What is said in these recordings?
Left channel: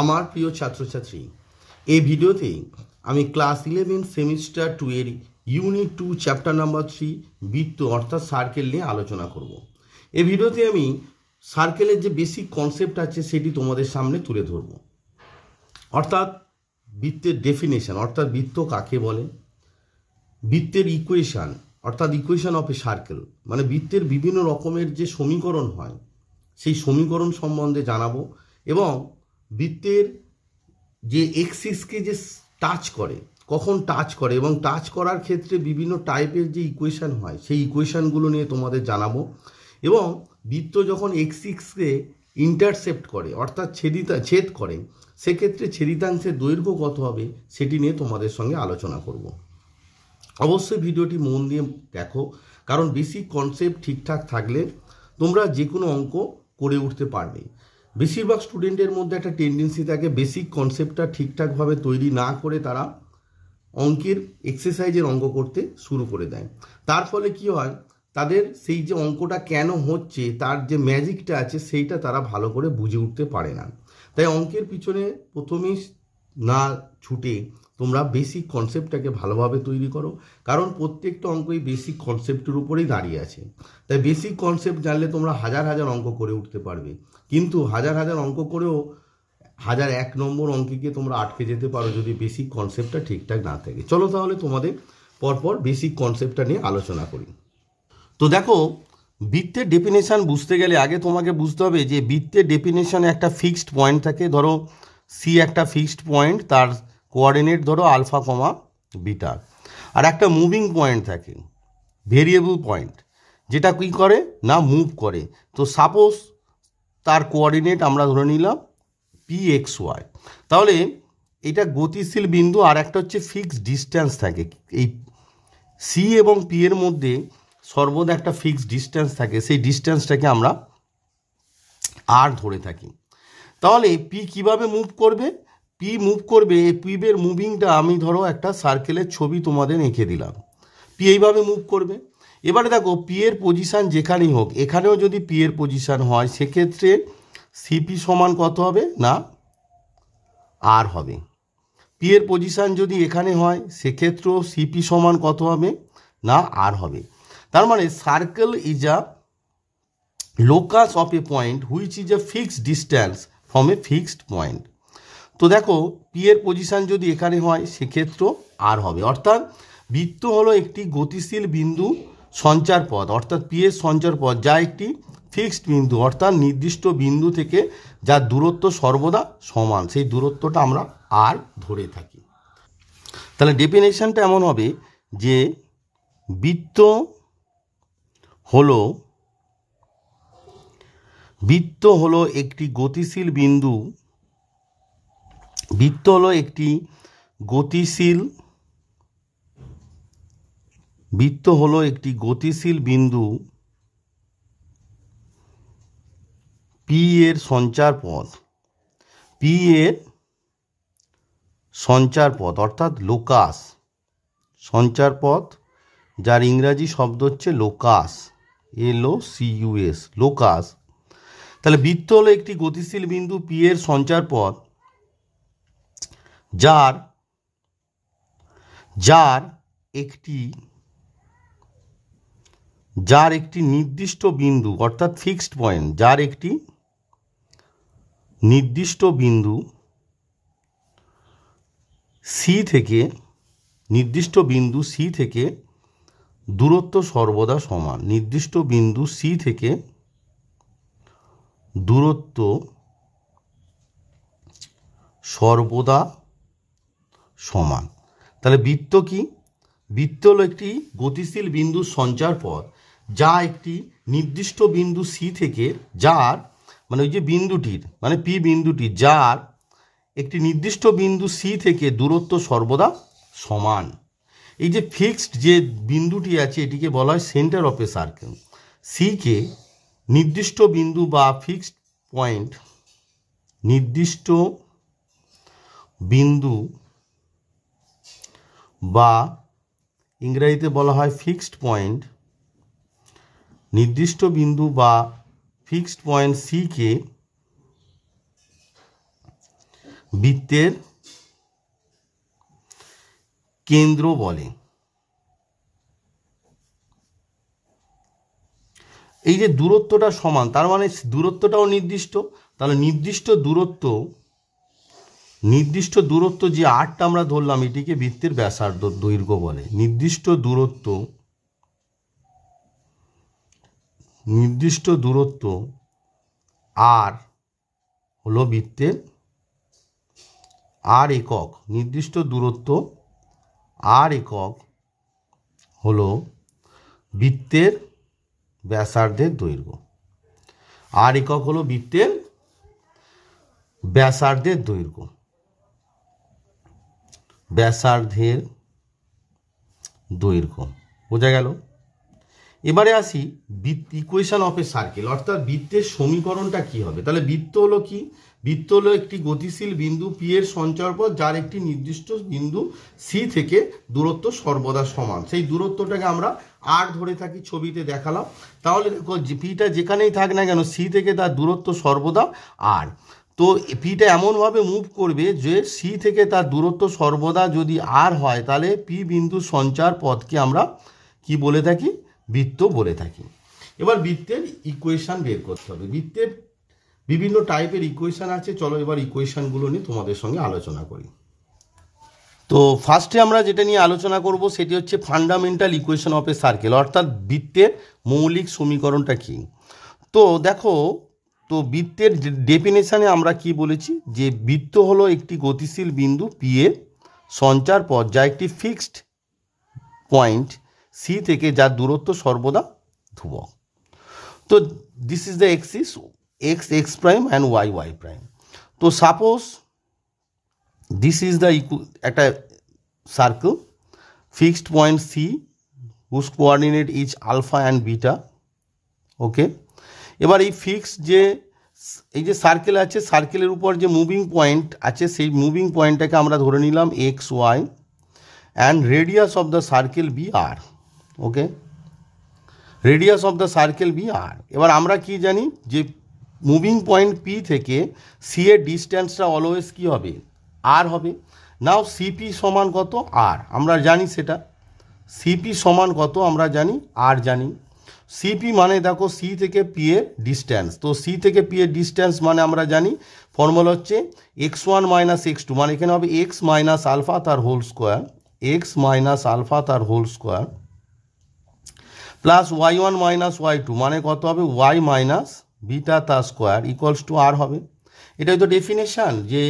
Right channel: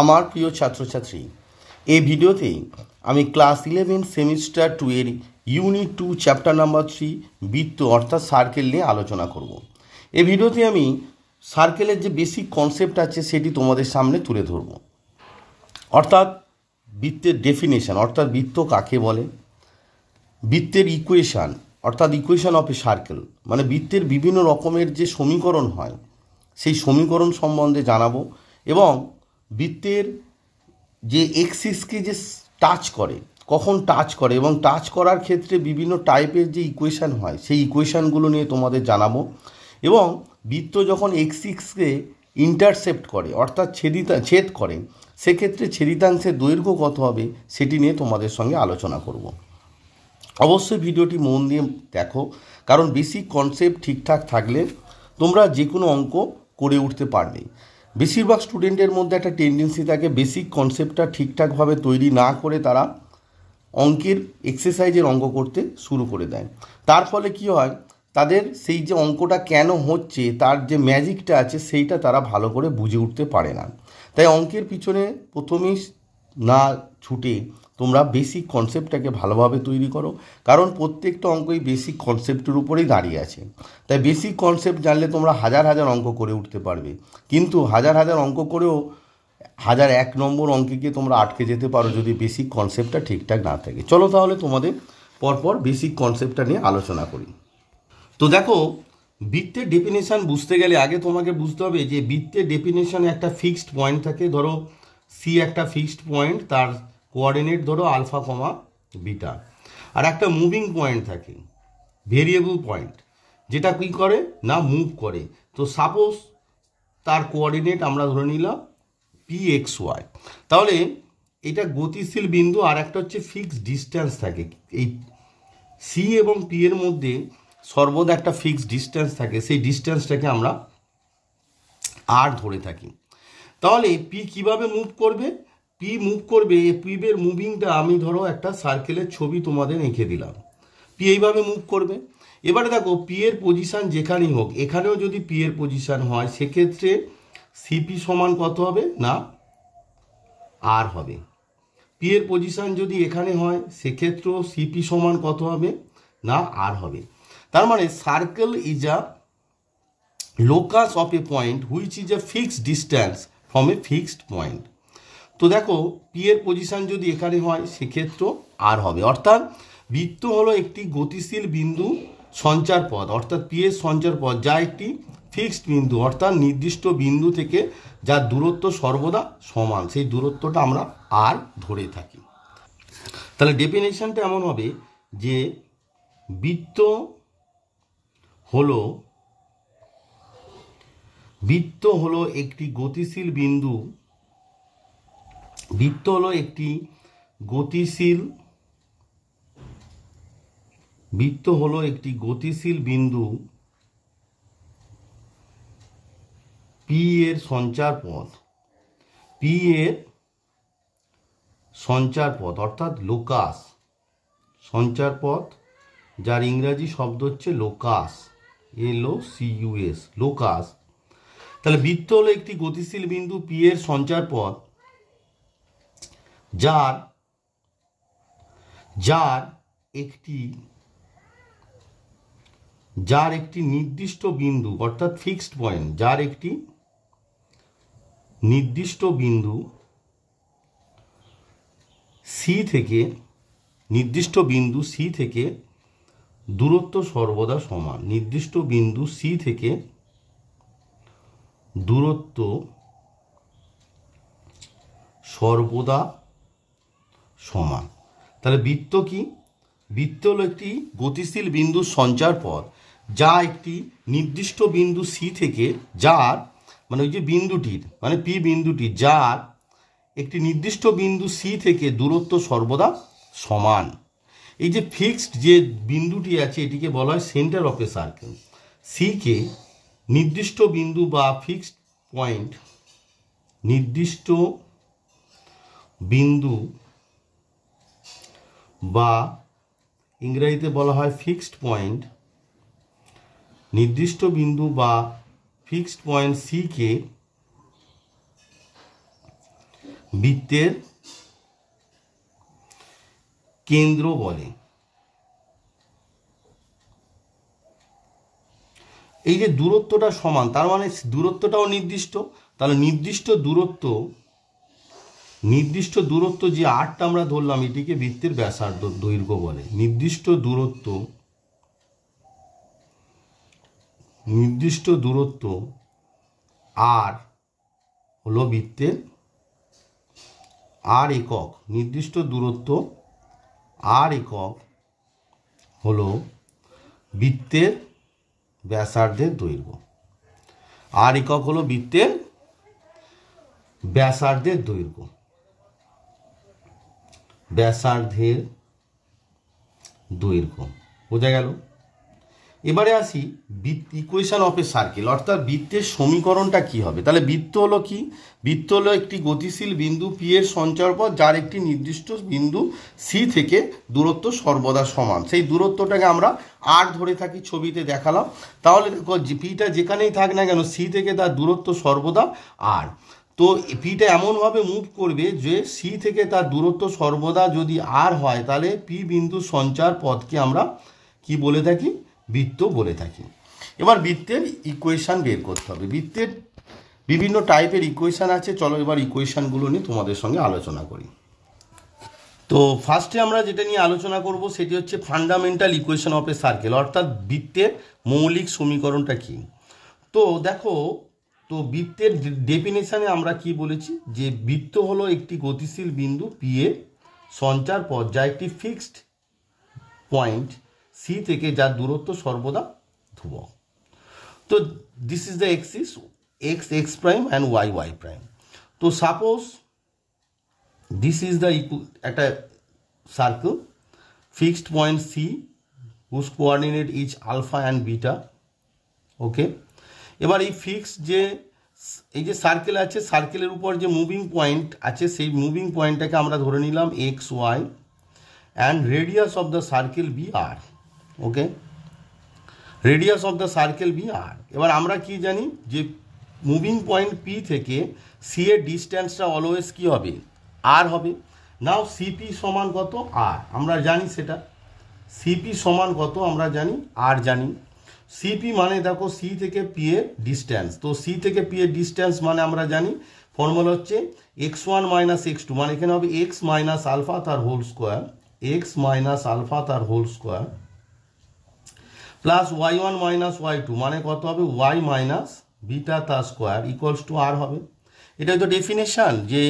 আমার প্রিয় ছাত্রছাত্রী, এই ভিডিওতে আমি ক্লাস 11 সেমিস্টার 2 এর ইউনিট 2 চ্যাপ্টার নাম্বার 3 বৃত্ত অর্থাৎ সার্কেল নিয়ে আলোচনা করব। এই ভিডিওতে আমি সার্কেলের যে বেসিক কনসেপ্ট আছে সেটি তোমাদের সামনে তুলে ধরব। অর্থাৎ বৃত্তের ডেফিনেশন, অর্থাৎ বৃত্ত কাকে বলে, বৃত্তের ইকুয়েশান অর্থাৎ ইকুয়েশান অফ এ সার্কেল, মানে বৃত্তের বিভিন্ন রকমের যে সমীকরণ হয় সেই সমীকরণ সম্বন্ধে জানাবো, এবং বৃত্তের যে এক্সিসকে যে টাচ করে, কখন টাচ করে এবং টাচ করার ক্ষেত্রে বিভিন্ন টাইপের যে ইকুয়েশান হয় সেই ইকুয়েশানগুলো নিয়ে তোমাদের জানাবো। এবং বৃত্ত যখন এক্সিসকে ইন্টারসেপ্ট করে অর্থাৎ ছেদ করে, সেক্ষেত্রে ছেদিতাংশের দৈর্ঘ্য কত হবে সেটি নিয়ে তোমাদের সঙ্গে আলোচনা করব। অবশ্যই ভিডিওটি মন দিয়ে দেখো, কারণ বেসিক কনসেপ্ট ঠিকঠাক থাকলে তোমরা যে কোনো অঙ্ক করে উঠতে পারবে। বেশিরভাগ স্টুডেন্টের মধ্যে একটা টেন্ডেন্সি থাকে বেসিক কনসেপ্টটা ঠিকঠাকভাবে তৈরি না করে তারা অঙ্কের এক্সারসাইজের অঙ্ক করতে শুরু করে দেয়। তার ফলে কি হয়, তাদের সেই যে অঙ্কটা কেন হচ্ছে তার যে ম্যাজিকটা আছে সেইটা তারা ভালো করে বুঝে উঠতে পারে না। তাই অঙ্কের পিছনে প্রথমেই না ছুটে তোমরা বেসিক কনসেপ্টটাকে ভালোভাবে তৈরি করো, কারণ প্রত্যেকটা অঙ্কই বেসিক কনসেপ্টের উপরেই দাঁড়িয়ে আছে। তাই বেসিক কনসেপ্ট জানলে তোমরা হাজার হাজার অঙ্ক করে উঠতে পারবে, কিন্তু হাজার হাজার অঙ্ক করেও 1001 নম্বর অঙ্কে গিয়ে তোমরা আটকে যেতে পারো যদি বেসিক কনসেপ্টটা ঠিকঠাক না থাকে। চলো তাহলে তোমাদের পরপর বেসিক কনসেপ্টটা নিয়ে আলোচনা করি। তো দেখো, বৃত্তের ডেফিনেশান বুঝতে গেলে আগে তোমাকে বুঝতে হবে যে বৃত্তের ডেফিনেশানে একটা ফিক্সড পয়েন্ট থাকে। ধরো সি একটা ফিক্সড পয়েন্ট, তার কোঅর্ডিনেট ধরো আলফা কমা বিটা, আর একটা মুভিং পয়েন্ট থাকে ভেরিয়েবল পয়েন্ট, যেটা কী করে না মুভ করে। তো সাপোজ তার কোঅর্ডিনেট আমরা ধরে নিলাম পি এক্স ওয়াই, তাহলে এটা গতিশীল বিন্দু। আর একটা হচ্ছে ফিক্সড ডিস্ট্যান্স থাকে, এই সি এবং পি এর মধ্যে সর্বদা একটা ফিক্সড ডিস্ট্যান্স থাকে, সেই ডিস্ট্যান্সটাকে আমরা আর ধরে থাকি। তাহলে পি কিভাবে মুভ করবে, পি মুভ করবে, পির মুভিংটা আমি ধরো একটা সার্কেলের ছবি তোমাদের এঁকে দিলাম, পি এইভাবে মুভ করবে। এবারে দেখো পি এর পজিশান যেখানেই হোক, এখানেও যদি পি এর পজিশান হয় সেক্ষেত্রে সিপি সমান কত হবে না আর হবে। পি এর পজিশান যদি এখানে হয় সেক্ষেত্রেও সিপি সমান কত হবে না আর হবে। তার মানে circle is a locus of A point which is a fixed distance from a fixed point. তো দেখো পি এর পজিশান যদি এখানে হয় সেক্ষেত্রেও আর হবে। অর্থাৎ বৃত্ত হলো একটি গতিশীল বিন্দু সঞ্চার পথ, অর্থাৎ পি এর সঞ্চার পথ, যা একটি ফিক্সড বিন্দু, অর্থাৎ নির্দিষ্ট বিন্দু থেকে যার দূরত্ব সর্বদা সমান, সেই দূরত্বটা আমরা আর ধরে থাকি। তাহলে ডেফিনেশনটা এমন হবে যে বৃত্ত হলো একটি গতিশীল বিন্দু, বৃত্ত হলো একটি গতিশীল বিন্দু পি এর সঞ্চার পথ, অর্থাৎ লোকাস সঞ্চার পথ, যার ইংরাজি শব্দ হচ্ছে লোকাস, LOCUS, লোকাস। তাহলে বৃত্ত হলো একটি গতিশীল বিন্দু পি এর সঞ্চার পথ যার একটি নির্দিষ্ট বিন্দু, অর্থাৎ ফিক্সড পয়েন্ট, যার একটি নির্দিষ্ট বিন্দু সি থেকে দূরত্ব সর্বদা সমান, নির্দিষ্ট বিন্দু সি থেকে দূরত্ব সর্বদা সমান। তাহলে বৃত্ত কি? বৃত্ত হলো একটি গতিশীল বিন্দুর সঞ্চার পথ যা একটি নির্দিষ্ট বিন্দু সি থেকে, যার মানে ওই যে বিন্দুটির মানে পি বিন্দুটি, যার একটি নির্দিষ্ট বিন্দু সি থেকে দূরত্ব সর্বদা সমান। এই যে ফিক্সড যে বিন্দুটি আছে এটিকে বলা হয় সেন্টার অফ এ সার্কেল। সিকে নির্দিষ্ট বিন্দু বা ফিক্সড পয়েন্ট, নির্দিষ্ট বিন্দু বা ইংরেজিতে বলা হয় ফিক্সড পয়েন্ট, নির্দিষ্ট বিন্দু বা ফিক্সড পয়েন্ট সিকে বৃত্তের কেন্দ্র বলে। এই যে দূরত্বটা সমান, তার মানে দূরত্বটাও নির্দিষ্ট। তাহলে নির্দিষ্ট দূরত্ব যে আরটা আমরা ধরলাম, এটিকে বৃত্তের ব্যাসার্ধ দৈর্ঘ্য বলে। নির্দিষ্ট দূরত্ব আর হলো বৃত্তের আর একক। নির্দিষ্ট দূরত্ব আর একক হলো বৃত্তের ব্যাসার্ধের দৈর্ঘ্য। আর একক হলো বৃত্তের ব্যাসার্ধের দৈর্ঘ্য। ব্যাসার্ধের দৈর্ঘ্য বোঝা গেল। এবারে আসি ইকুয়েশন অফ এ সার্কেল, অর্থাৎ বৃত্তের সমীকরণটা কি হবে। তাহলে বৃত্ত হলো কি? বৃত্ত হলো একটি গতিশীল বিন্দু পি এর সঞ্চারপথ, যার একটি নির্দিষ্ট বিন্দু সি থেকে দূরত্ব সর্বদা সমান। সেই দূরত্বটাকে আমরা আর ধরে থাকি, ছবিতে দেখালাম। তাহলে দেখো পিটা যেখানেই থাক না কেন, সি থেকে তার দূরত্ব সর্বদা আর। তো পিটা এমনভাবে মুভ করবে যে সি থেকে তার দূরত্ব সর্বদা যদি আর হয়, তাহলে পি বিন্দু সঞ্চার পথকে আমরা কি বলে থাকি? বৃত্ত বলে থাকি। এবার বৃত্তের ইকুয়েশন বের করতে হবে। বৃত্তের বিভিন্ন টাইপের ইকুয়েশন আছে। চলো এবার ইকুয়েশনগুলো নিয়ে তোমাদের সঙ্গে আলোচনা করি। তো ফার্স্টে আমরা যেটা নিয়ে আলোচনা করব সেটি হচ্ছে fundamental equation of a circle, অর্থাৎ বৃত্তের মৌলিক সমীকরণটা কি। তো দেখো, তো বৃত্তের ডেফিনেশনে আমরা কি বলেছি, যে বৃত্ত হলো একটি গতিশীল বিন্দু পি এর সঞ্চার পথ, যা একটি ফিক্সড পয়েন্ট সি থেকে যার দূরত্ব সর্বদা ধ্রুবক। তো this is the axis, x x prime and y y prime. তো সাপোজ দিস ইজ দ্য একটা circle, fixed point C whose coordinate is alpha and beta. Okay, এবার এই ফিক্স যে এই যে সার্কেল আছে, সার্কেলের উপর যে মুভিং পয়েন্ট আছে, সেই মুভিং পয়েন্টটাকে আমরা ধরে নিলাম x y, and radius of the circle be R. Okay, radius of the circle be R. এবার আমরা কি জানি, যে মুভিং পয়েন্ট পি থেকে সি এর ডিস্ট্যান্সটা অলওয়েজ কি হবে? আর হবে। নাও সিপি সমান কত? আর। আমরা জানি সেটা সিপি সমান কত, আমরা জানি আর জানি। সিপি মানে দেখো সি থেকে পি এর ডিস্ট্যান্স। তো সি থেকে পি এর ডিস্ট্যান্স মানে আমরা জানি ফর্মুলা হচ্ছে x one minus x two, মানে এখানে হবে এক্স মাইনাস আলফা তার whole square, x minus alpha তার whole square, plus y one minus y two, মানে কত হবে? ওয়াই মাইনাস বিটা তার স্কোয়ার ইকুয়ালস টু আর হবে। এটাই তো ডেফিনেশন, যে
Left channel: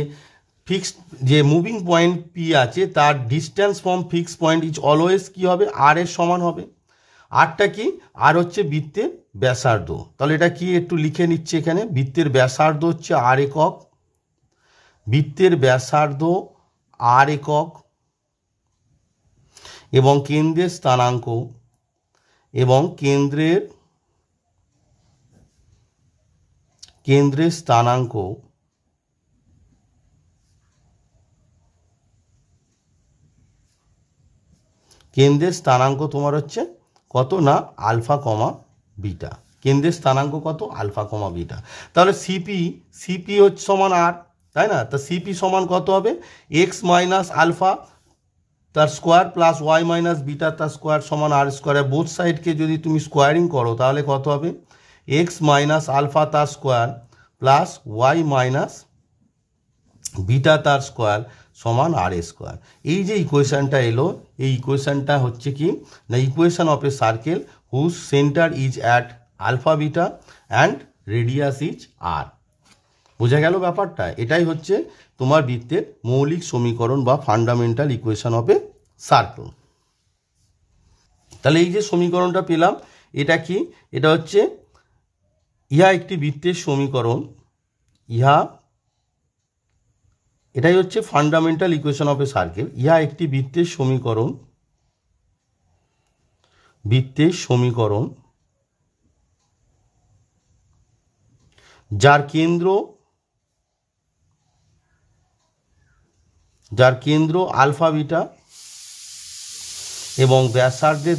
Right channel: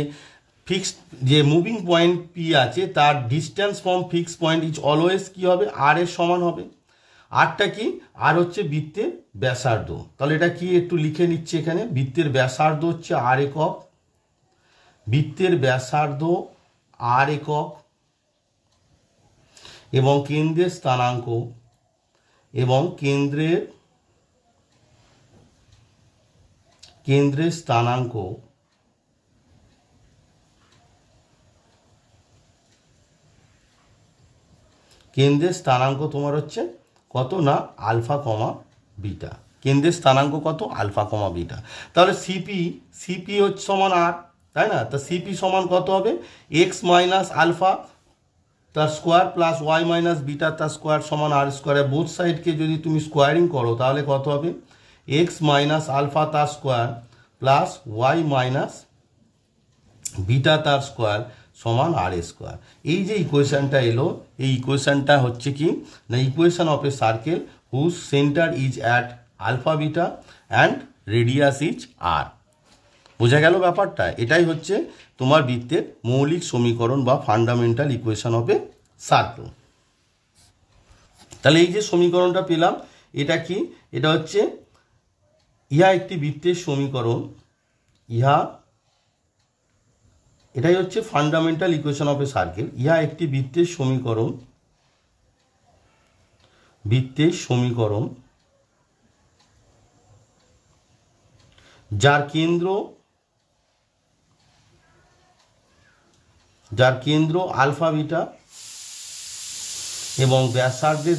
ফিক্সড যে মুভিং পয়েন্ট পি আছে তার distance from fix point is always কি হবে? আর এর সমান হবে। আরটা কি? আর হচ্ছে বৃত্তের ব্যাসার্ধ। তাহলে এটা কি একটু লিখে নিচ্ছে এখানে, বৃত্তের ব্যাসার্ধ হচ্ছে আর একক, বৃত্তের ব্যাসার্ধ আর একক, এবং কেন্দ্রের স্থানাঙ্ক, এবং কেন্দ্রের স্থানাঙ্ক তোমার হচ্ছে কত না? Alpha comma beta. কেন্দ্রের স্থানাঙ্ক কত? Alpha comma beta. তাহলে সিপি হচ্ছে সমান আর, তাই না? তা সিপি সমান কত হবে? এক্স মাইনাস আলফা তার square plus y minus beta তার স্কোয়ার সমান আর স্কোয়ার। বোথ সাইডকে যদি তুমি স্কোয়ারিং করো তাহলে কত হবে? এক্স মাইনাস আলফা তার square plus y minus beta তার স্কোয়ার সমান আর স্কোয়ার। এই যে ইকুয়েশনটা এলো, এই ইকুয়েশনটা হচ্ছে কি না, equation of a circle whose centre is at alpha beta and radius is R. বোঝা গেল ব্যাপারটা? এটাই হচ্ছে তোমার বৃত্তের মৌলিক সমীকরণ বা fundamental equation of a circle. তাহলে এই যে সমীকরণটা পেলাম, এটা কি? এটা হচ্ছে ইহা একটি বৃত্তের সমীকরণ, এটাই হচ্ছে fundamental equation of a circle. ইহা একটি বৃত্তের সমীকরণ যার কেন্দ্র আলফা বিটা এবং ব্যাসার্ধের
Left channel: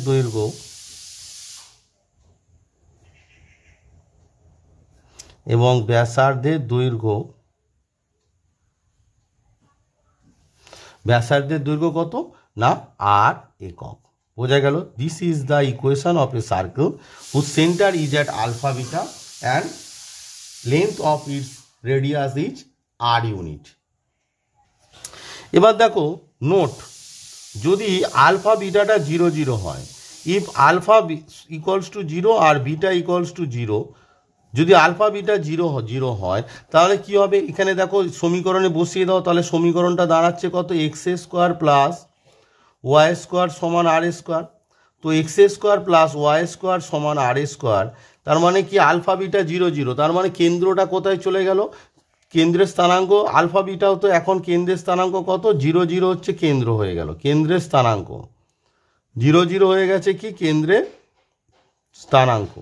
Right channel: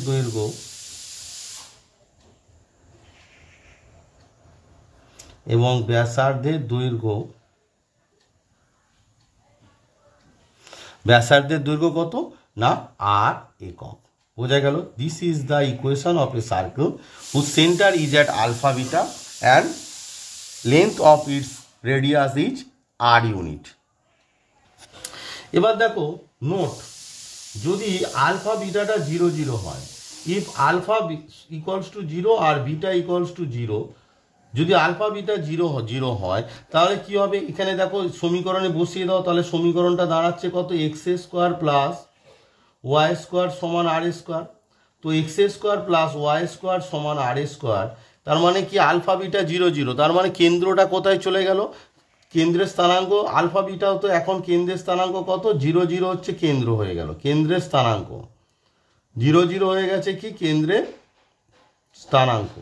দৈর্ঘ্য ব্যাসার্ধের দৈর্ঘ্য কত না আর একক। বোঝা গেল? This is the equation of a circle whose centre is at alpha beta and length of its radius is R unit. এবার দেখো নোট, যদি আলফা বিটাটা 0 0 হয়, ইফ আলফা ইকুয়ালস টু 0 আর বিটা ইকুয়ালস টু 0, যদি আলফা বিটা 0 0 হয় তাহলে কি হবে? এখানে দেখো সমীকরণে বসিয়ে দাও, তাহলে সমীকরণটা দাঁড়াচ্ছে কত? X square plus y square সমান আর স্কোয়ার। তো x square plus y square সমান আর স্কোয়ার, তার মানে কি আলফা বিটা 0 0, তার মানে কেন্দ্রটা কোথায় চলে গেল? কেন্দ্রের স্থানাঙ্ক আলফা বিটাও তো এখন কেন্দ্রের স্থানাঙ্ক কত? 0 0 হচ্ছে কেন্দ্র হয়ে গেল, কেন্দ্রের স্থানাঙ্ক 0 0 হয়ে গেছে কি কেন্দ্রের স্থানাঙ্ক,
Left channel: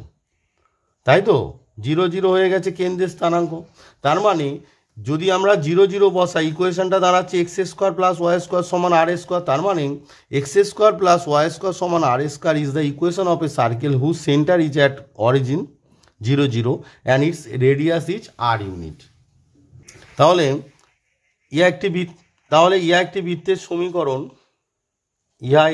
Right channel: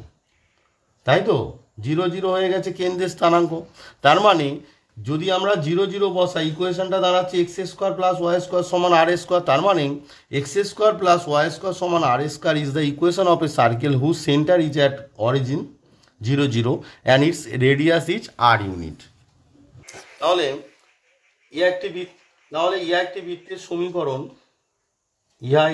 তাই তো? 0 0 হয়ে গেছে কেন্দ্রের স্থানাঙ্ক। তার মানে যদি আমরা 0 0 বসাই, ইকুয়েশনটা দাঁড়াচ্ছে x square plus y square সমান আর স্কোয়ার, তার মানে x square plus y square সমান আর square is the equation of a circle whose centre is at origin 0 0 and its radius is R unit. তাহলে ইহা একটি বৃত্তের সমীকরণ, ইহা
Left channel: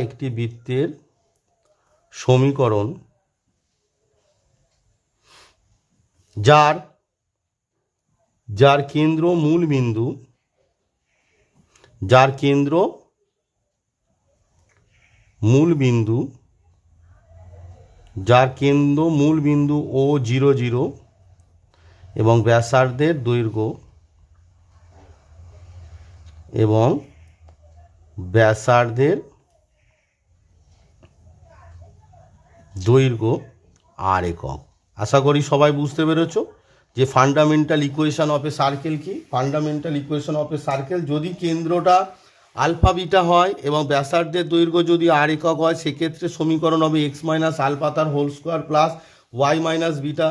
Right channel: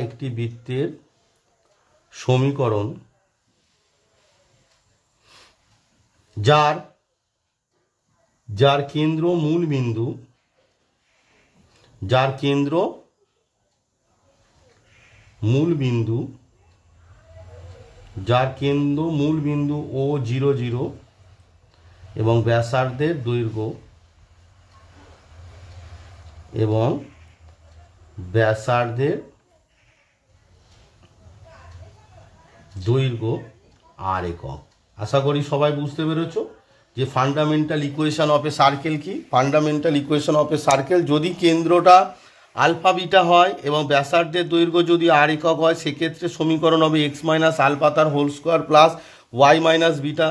একটি বৃত্তের সমীকরণ যার কেন্দ্র মূল বিন্দু ও 0 0 এবং ব্যাসার্ধের দৈর্ঘ্য আর একক। আশা করি সবাই বুঝতে পেরেছ যে fundamental equation of a circle কি। Fundamental equation of a circle, যদি কেন্দ্রটা আলফা বিটা হয় এবং ব্যাসার্ধের দৈর্ঘ্য যদি আর একক হয়, সেক্ষেত্রে সমীকরণ হবে এক্স মাইনাস আলফা তার whole square plus y minus beta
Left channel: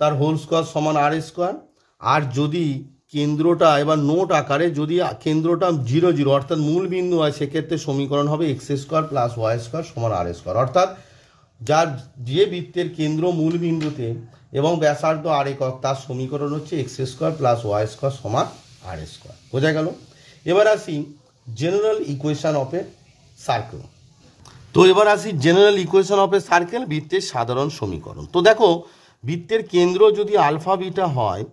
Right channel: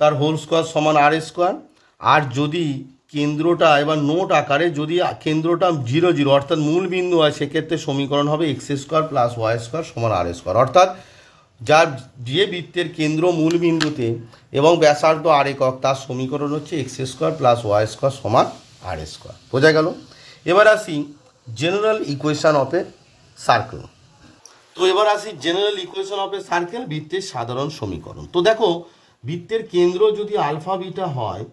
তার হোল স্কোয়ার সমান আর স্কোয়ার। আর যদি কেন্দ্রটা, এবার নোট আকারে, যদি কেন্দ্রটা 0 0 অর্থাৎ মূল বিন্দু হয়, সেক্ষেত্রে সমীকরণ হবে x square plus y square সমান আর স্কোয়ার। অর্থাৎ যে বৃত্তের কেন্দ্র মূল বিন্দুতে এবং ব্যাসার্ধ আর একক, তার সমীকরণ হচ্ছে x square plus y square সমান আর স্কোয়ার। বোঝা গেল? এবার আসি general equation of a circle. বৃত্তের সাধারণ সমীকরণ। তো দেখো, বৃত্তের কেন্দ্র যদি আলফা বিটা হয়,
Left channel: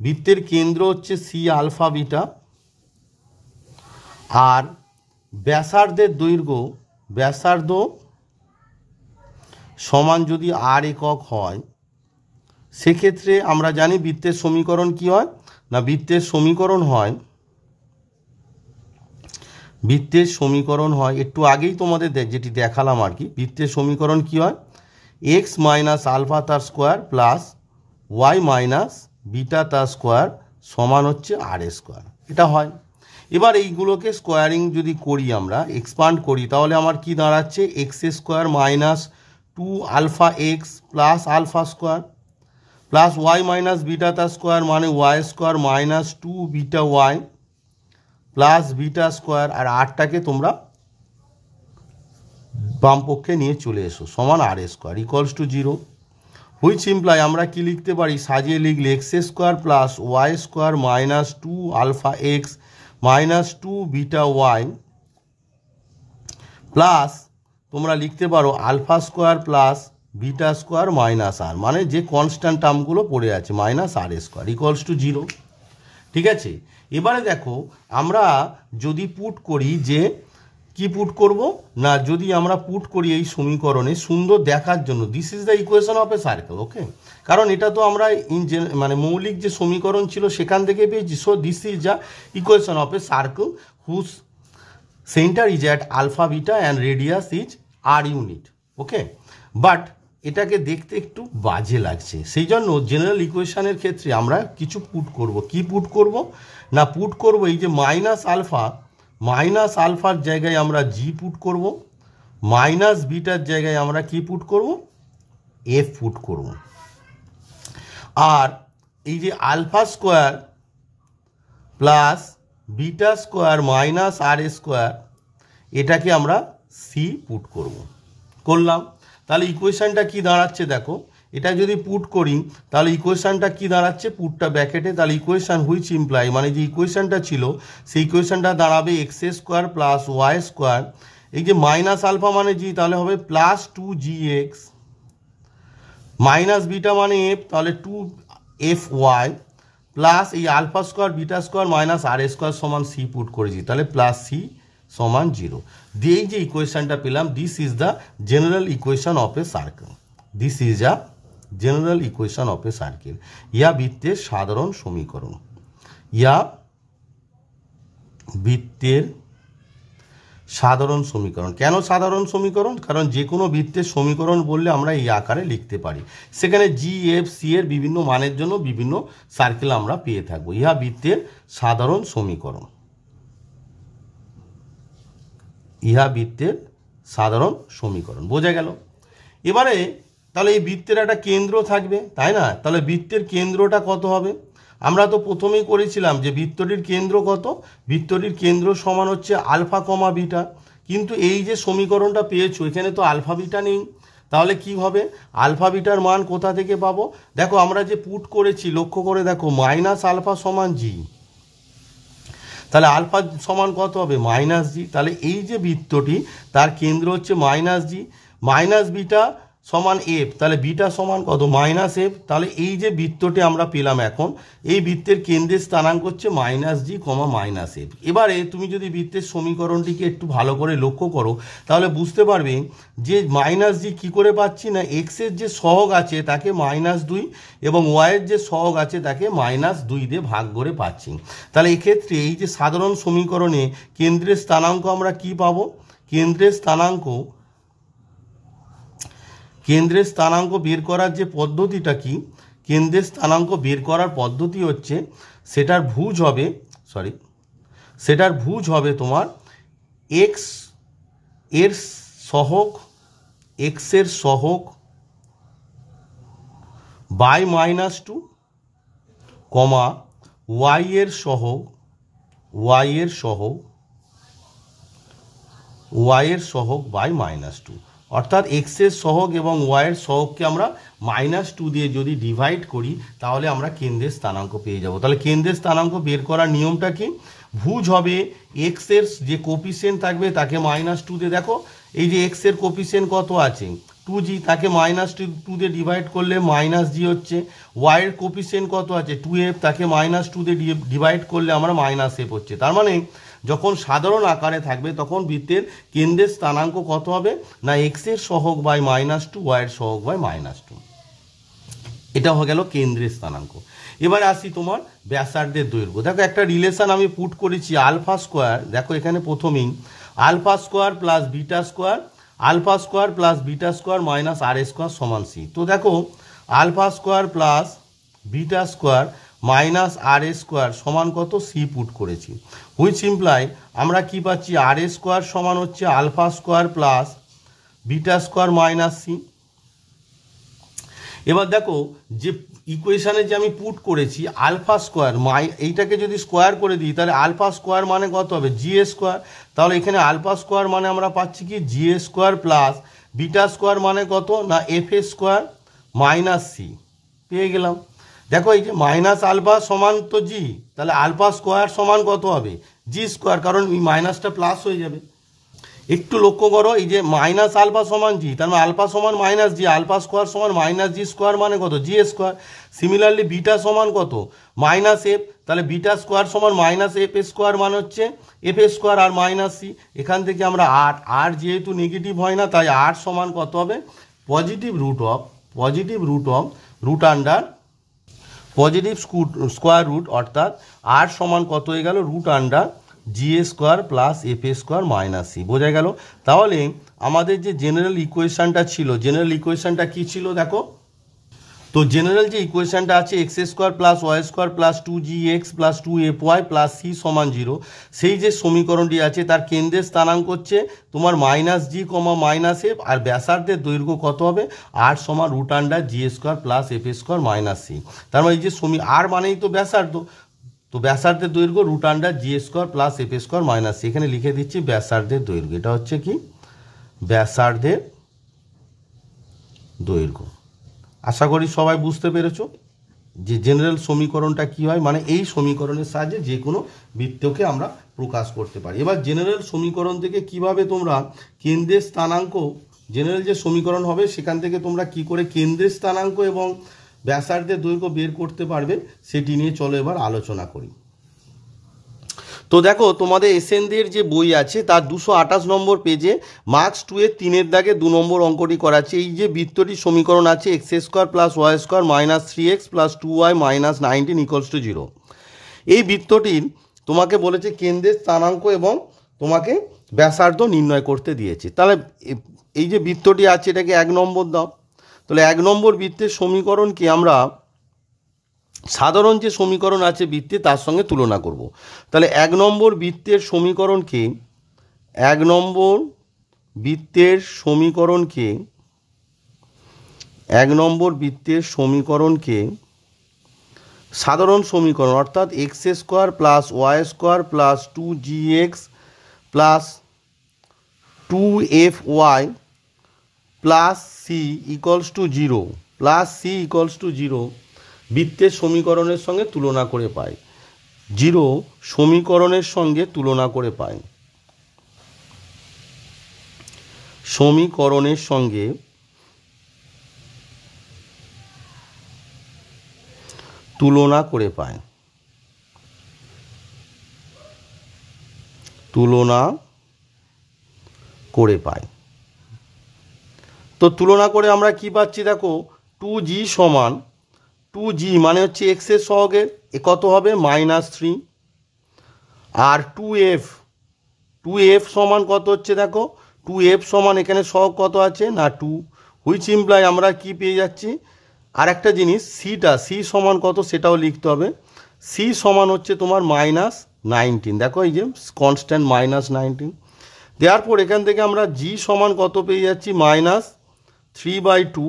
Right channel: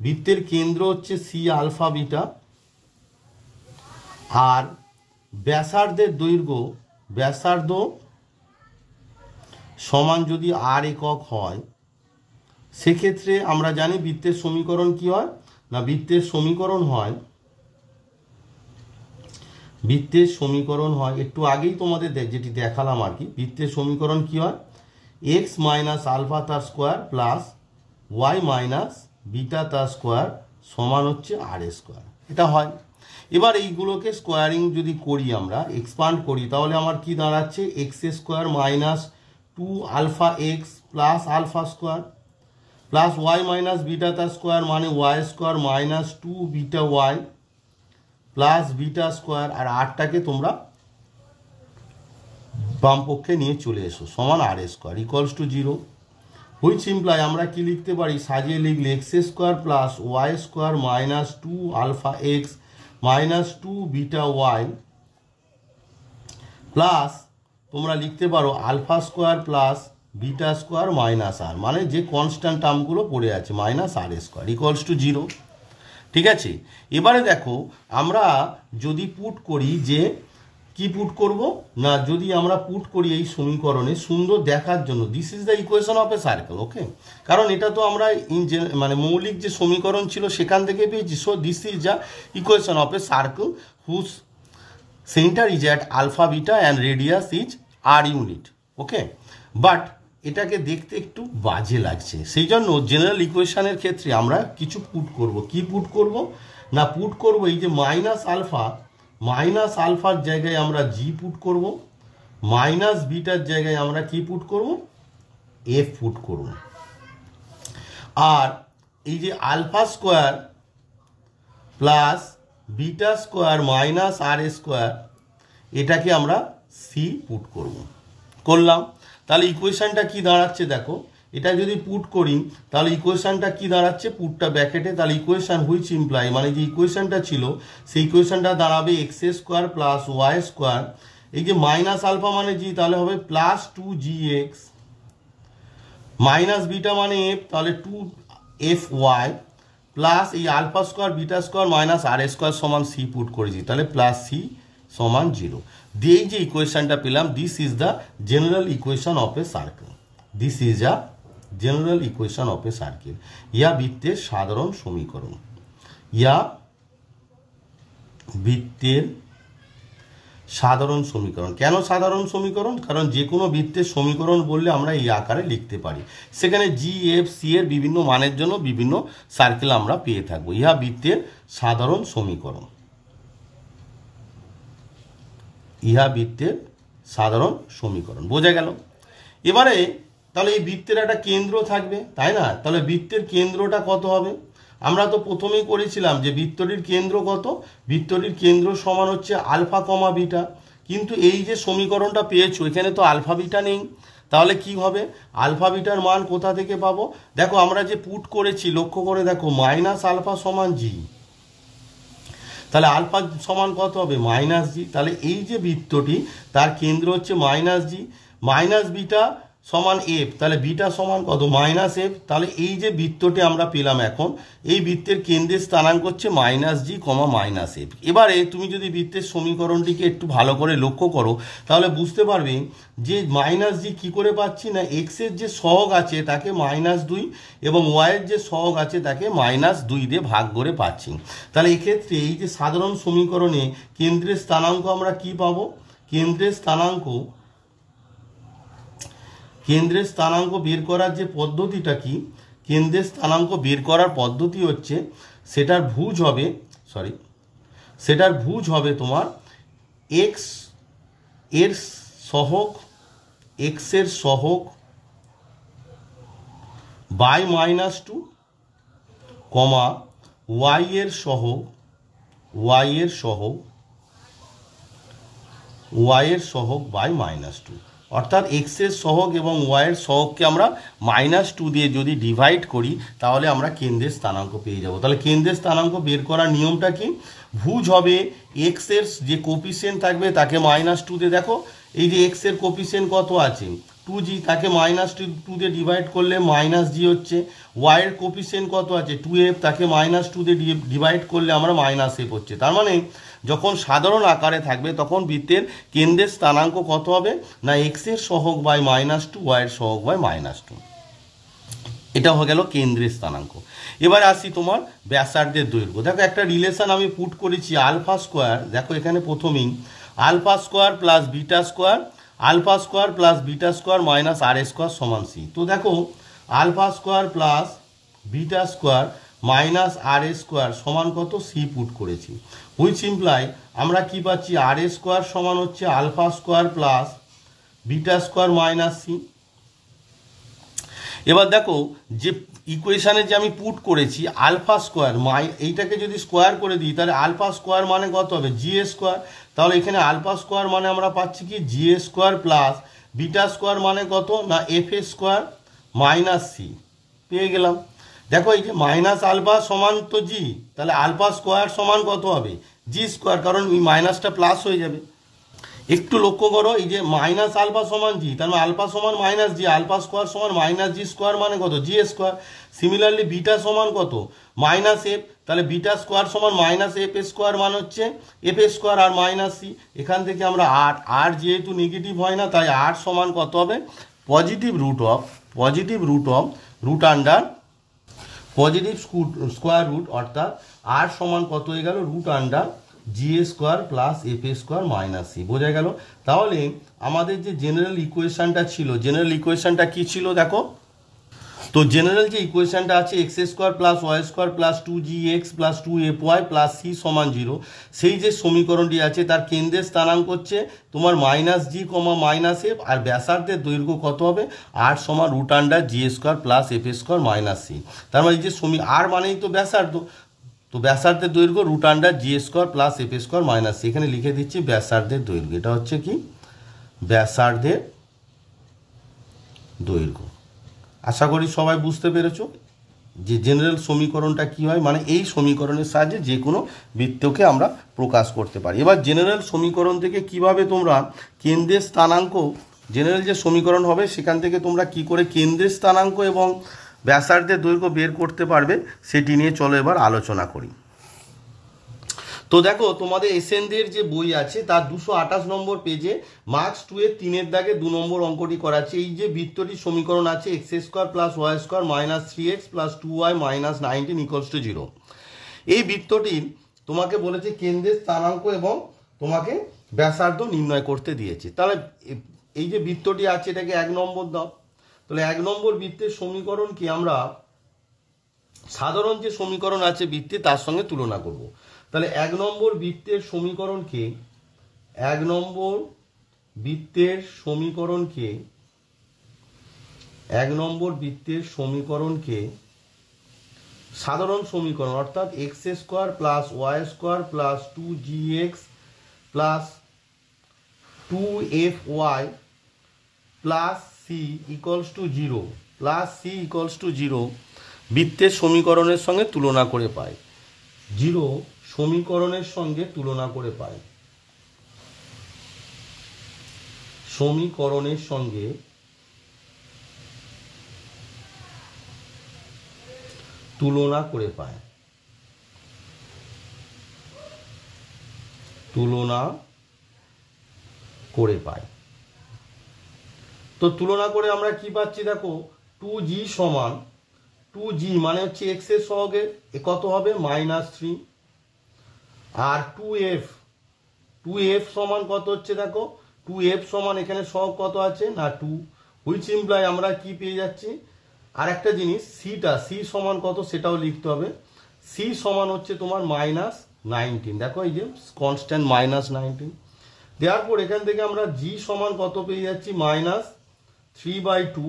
বৃত্তের কেন্দ্র হচ্ছে সি আলফা বিটা, আর ব্যাসার্ধের দৈর্ঘ্য সমান যদি আর একক হয়, সেক্ষেত্রে আমরা জানি বৃত্তের সমীকরণ কি হয় না, বৃত্তের সমীকরণ হয় একটু আগেই তোমাদের যেটি দেখালাম আর কি। বৃত্তের সমীকরণ কি হয়? এক্স মাইনাস আলফা তার square plus y minus beta তার স্কোয়ার সমান হচ্ছে আর স্কোয়ার, এটা হয়। এবার এইগুলোকে স্কোয়ারিং যদি করি, আমরা এক্সপান্ড করি, তাহলে আমার কি দাঁড়াচ্ছে? X square minus 2 alpha x plus alpha square plus y minus beta তার স্কোয়ার, মানে y square minus 2 beta y plus beta square, আর আরটাকে তোমরা বাম পক্ষে নিয়ে চলে এসো, সমান আর square equals to 0, which imply আমরা কি লিখতে পারি? সাজিয়ে লিখলে x square plus y square minus 2 alpha x minus 2 beta y plus তোমরা লিখতে পারো alpha square plus beta square minus r, মানে যে কনস্ট্যান্ট টার্মগুলো পড়ে আছে, minus R square equals to 0। ঠিক আছে? এবারে দেখো, আমরা যদি পুট করি, যে কি পুট করব না, যদি আমরা পুট করি এই সমীকরণে সুন্দর দেখার জন্য, this is the equation of a circle, okay, কারণ এটা তো আমরা মানে মৌলিক যে সমীকরণ ছিল সেখান থেকে পেয়েছি। So this is the equation of a circle whose centre is at alpha beta and radius is R unit, okay. But এটাকে দেখতে একটু বাজে লাগছে, সেই জন্য জেনারেল ইকুয়েশনের ক্ষেত্রে আমরা কিছু পুট করব। কি পুট করব না, পুট করব এই যে মাইনাস আলফার জায়গায় আমরা জি পুট করব, মাইনাস বিটার জায়গায় আমরা কি পুট করব? এফ পুট করব। আর এই যে alpha square plus beta square minus আর স্কোয়ার, এটাকে আমরা সি পুট করলাম। তাহলে ইকুয়েশনটা কি দাঁড়াচ্ছে দেখো, এটা যদি পুট করি তাহলে ইকুয়েশনটা কি দাঁড়াচ্ছে, পুটটা ব্র্যাকেটে, তাহলে ইকুয়েশন হুইচ ইমপ্লাই মানে যে ইকুয়েশনটা ছিল সেই ইকুয়েশনটা দাঁড়াবে x square plus y square, এই যে মাইনাস আলফা মানে জি তাহলে হবে প্লাস 2gx, মাইনাস বিটা মানে এফ তাহলে 2fy, প্লাস এই alpha square beta square minus আর স্কোয়ার সমান সি পুট করেছি, তাহলে প্লাস সি সমান 0 দিয়ে যে ইকুয়েশনটা পেলাম, this is the general equation of a circle, this is a general equation of a circle, yeah বৃত্তের সাধারণ সমীকরণ, ইয়া বৃত্তের সাধারণ সমীকরণ। কেন সাধারণ সমীকরণ? কারণ যে কোনো বৃত্তের সমীকরণ বললে আমরা এই আকারে লিখতে পারি, সেখানে জি এফ সি এর বিভিন্ন মানের জন্য বিভিন্ন সার্কেল আমরা পেয়ে থাকবো, ইহা বৃত্তের সাধারণ সমীকরণ, ইহা বৃত্তের সাধারণ সমীকরণ। বোঝা গেল? এবারে তাহলে এই বৃত্তের একটা কেন্দ্র থাকবে, তাই না? তাহলে বৃত্তের কেন্দ্রটা কত হবে? আমরা তো প্রথমেই করেছিলাম যে বৃত্তটির কেন্দ্র কত, বৃত্তটির কেন্দ্র সমান হচ্ছে আলফা কমা বিটা, কিন্তু এই যে সমীকরণটা পেয়েছো এখানে তো আলফা বিটা নেই, তাহলে কি হবে? আলফা বিটার মান কোথা থেকে পাবো? দেখো আমরা যে পুট করেছি লক্ষ্য করে দেখো, মাইনাস আলফা সমান জি, তাহলে আলফা সমান কত হবে? মাইনাস জি, তাহলে এই যে বৃত্তটি তার কেন্দ্র হচ্ছে মাইনাস জি, মাইনাস বিটা সমান এফ, তাহলে বিটা সমান কত? মাইনাস এফ, তাহলে এই যে বৃত্তটি আমরা পেলাম এখন, এই বৃত্তের কেন্দ্রের স্থানাঙ্ক হচ্ছে মাইনাস জি কমা মাইনাস এফ। এবারে তুমি যদি বৃত্তের সমীকরণটিকে একটু ভালো করে লক্ষ্য করো তাহলে বুঝতে পারবে যে মাইনাস জি কী করে পাচ্ছি না, এক্সের যে সহগ আছে তাকে -2 এবং ওয়াইয়ের যে সহগ আছে তাকে -2 দিয়ে ভাগ করে পাচ্ছি। তাহলে এক্ষেত্রে এই যে সাধারণ সমীকরণে কেন্দ্রের স্থানাঙ্ক আমরা কি পাবো? কেন্দ্রের স্থানাঙ্ক বের করার যে পদ্ধতিটা কি, কেন্দ্রের স্থানাঙ্ক বের করার পদ্ধতি হচ্ছে সেটার ভুজ হবে তোমার এক্স এর সহগ, এক্স এর সহগ বাই -2 কমা ওয়াই এর সহগ বাই -2, অর্থাৎ এক্স এর সহগ এবং ওয়াই এর সহগকে আমরা -2 দিয়ে যদি ডিভাইড করি তাহলে আমরা কেন্দ্রের স্থানাঙ্ক পেয়ে যাব। তাহলে কেন্দ্রের স্থানাঙ্ক বের করার নিয়মটা কি? ভুজ হবে এক্স এর যে কোপিসিয়েন্ট থাকবে তাকে -2 দিয়ে, দেখো এই যে এক্স এর কোপিসিয়েন্ট কত আছে 2g, তাকে -2 দিয়ে ডিভাইড করলে -g হচ্ছে, ওয়াই এর কোপিসিয়েন্ট কত আছে 2f, তাকে -2 দিয়ে ডিভাইড করলে আমরা -f হচ্ছে। তার মানে যখন সাধারণ আকারে থাকবে তখন বৃত্তের কেন্দ্রের স্থানাঙ্ক কত হবে না, এক্স এর সহগ বাই -2 ওয়াই এর সহগ বাই -2, এটা হয়ে গেল কেন্দ্রের স্থানাঙ্ক। এবার আসি তোমার ব্যাসার্ধের দৈর্ঘ্য। দেখো একটা রিলেশন আমি পুট করেছি আলফা স্কোয়ার, দেখো এখানে প্রথমেই alpha square plus beta square, alpha square plus beta square minus আর স্কোয়ার সমান সি। তো দেখো alpha square plus beta square minus আর স্কোয়ার সমান কত? সি পুট করেছি, হুইচ ইমপ্লাই আমরা কি পাচ্ছি? আর স্কোয়ার সমান হচ্ছে alpha square plus beta square minus C. এবার দেখো যে ইকুয়েশানে যে আমি পুট করেছি আলফা স্কোয়ার, এইটাকে যদি স্কোয়ার করে দিই তাহলে আলফা স্কোয়ার মানে কত হবে? জি স্কোয়ার, তাহলে এখানে আলফা স্কোয়ার মানে আমরা পাচ্ছি কি জি স্কোয়ার প্লাস বিটা স্কোয়ার মানে কত না এফ স্কোয়ার মাইনাস সি পেয়ে গেলাম। দেখো এই যে মাইনাস আলফা সমান তো জি, তাহলে আলফা স্কোয়ার সমান কত হবে? জি স্কোয়ার, কারণ এই মাইনাসটা প্লাস হয়ে যাবে। একটু লক্ষ্য করো এই যে মাইনাস আলফা সমান জি, তার মানে আলফা সমান মাইনাস জি, আলফা স্কোয়ার সমান মাইনাস জি স্কোয়ার মানে কত? G square. সিমিলারলি বিটা সমান কত? মাইনাস এফ, তাহলে বিটা স্কোয়ার সমান মাইনাস এফ স্কোয়ার মানে হচ্ছে এফ স্কোয়ার আর মাইনাস সি। এখান থেকে আমরা আর যেহেতু নেগেটিভ হয় না তাই আর সমান কত হবে? Positive root of root under positive square root, অর্থাৎ আর সমান কত হয়ে গেল? Root under G square plus F square minus C. বোঝা গেল? তাহলে আমাদের যে জেনারেল ইকুয়েশনটা ছিল, জেনারেল ইকুয়েশনটা কি ছিল দেখো, তো জেনারেল যে ইকুয়েশনটা আছে x square plus y square plus 2gx plus 2fy plus c সমান 0, সেই যে সমীকরণটি আছে তার কেন্দ্রের স্থানাঙ্ক হচ্ছে তোমার -g কমা -f, আর ব্যাসার্ধের দৈর্ঘ্য কত হবে? আর সমান root under G square plus F square minus C. তার মানে এই যে আর মানেই তো ব্যাসার্ধ, তো ব্যাসার্ধের দৈর্ঘ্য root under G square plus F square minus C. এখানে লিখে দিচ্ছি ব্যাসার্ধের দৈর্ঘ্য, এটা হচ্ছে কি ব্যাসার্ধের দৈর্ঘ্য। আশা করি সবাই বুঝতে পেরেছো যে জেনারেল সমীকরণটা কী হয়, মানে এই সমীকরণের সাহায্যে যে কোনো বৃত্তকে আমরা প্রকাশ করতে পারি। এবার জেনারেল সমীকরণ থেকে কিভাবে তোমরা কেন্দ্রের স্থানাঙ্ক, জেনারেল যে সমীকরণ হবে সেখান থেকে তোমরা কি করে কেন্দ্রের স্থানাঙ্ক এবং ব্যাসার্ধের দৈর্ঘ্য বের করতে পারবে সেটি নিয়ে চলো এবার আলোচনা করি। তো দেখো তোমাদের এসএনদের যে বই আছে তার 228 নম্বর পেজে মার্কস 2 এর 3-এর দাগে 2 নম্বর অঙ্কটি করা আছে। এই যে বৃত্তটির সমীকরণ আছে x square plus y square minus 3x plus 2y minus 19 equals to 0। এই বৃত্তটির তোমাকে বলেছে কেন্দ্রের স্থানাঙ্ক এবং তোমাকে ব্যাসার্ধ নির্ণয় করতে দিয়েছে। তাহলে এই যে বৃত্তটি আছে এটাকে 1 নম্বর দাও। তাহলে 1 নম্বর বৃত্তের সমীকরণকে আমরা সাধারণ যে সমীকরণ আছে বৃত্তে তার সঙ্গে তুলনা করব। তাহলে 1 নম্বর বৃত্তের সমীকরণকে 1 নম্বর বৃত্তের সমীকরণকে সাধারণ সমীকরণ অর্থাৎ x square plus y square plus 2gx plus 2fy plus c equals to 0 বৃত্তের সমীকরণের সঙ্গে তুলনা করে পাই। 0 সমীকরণের সঙ্গে তুলনা করে পাই, সমীকরণের সঙ্গে তুলনা করে পাই, তো তুলনা করে আমরা কি পাচ্ছি দেখো 2g সমান 2g মানে হচ্ছে এক্সের সহগের এ কত হবে -3, আর 2f সমান কত হচ্ছে দেখো 2f সমান এখানে সহগ কত আছে না 2, হুইচ ইমপ্লাই আমরা কি পেয়ে যাচ্ছি আর একটা জিনিস সি সমান কত সেটাও লিখতে হবে। সি সমান হচ্ছে তোমার -19, দেখো এই যে কনস্ট্যান্ট -19। দেওয়ার পর এখান থেকে আমরা জি সমান কত পেয়ে যাচ্ছি -3/2,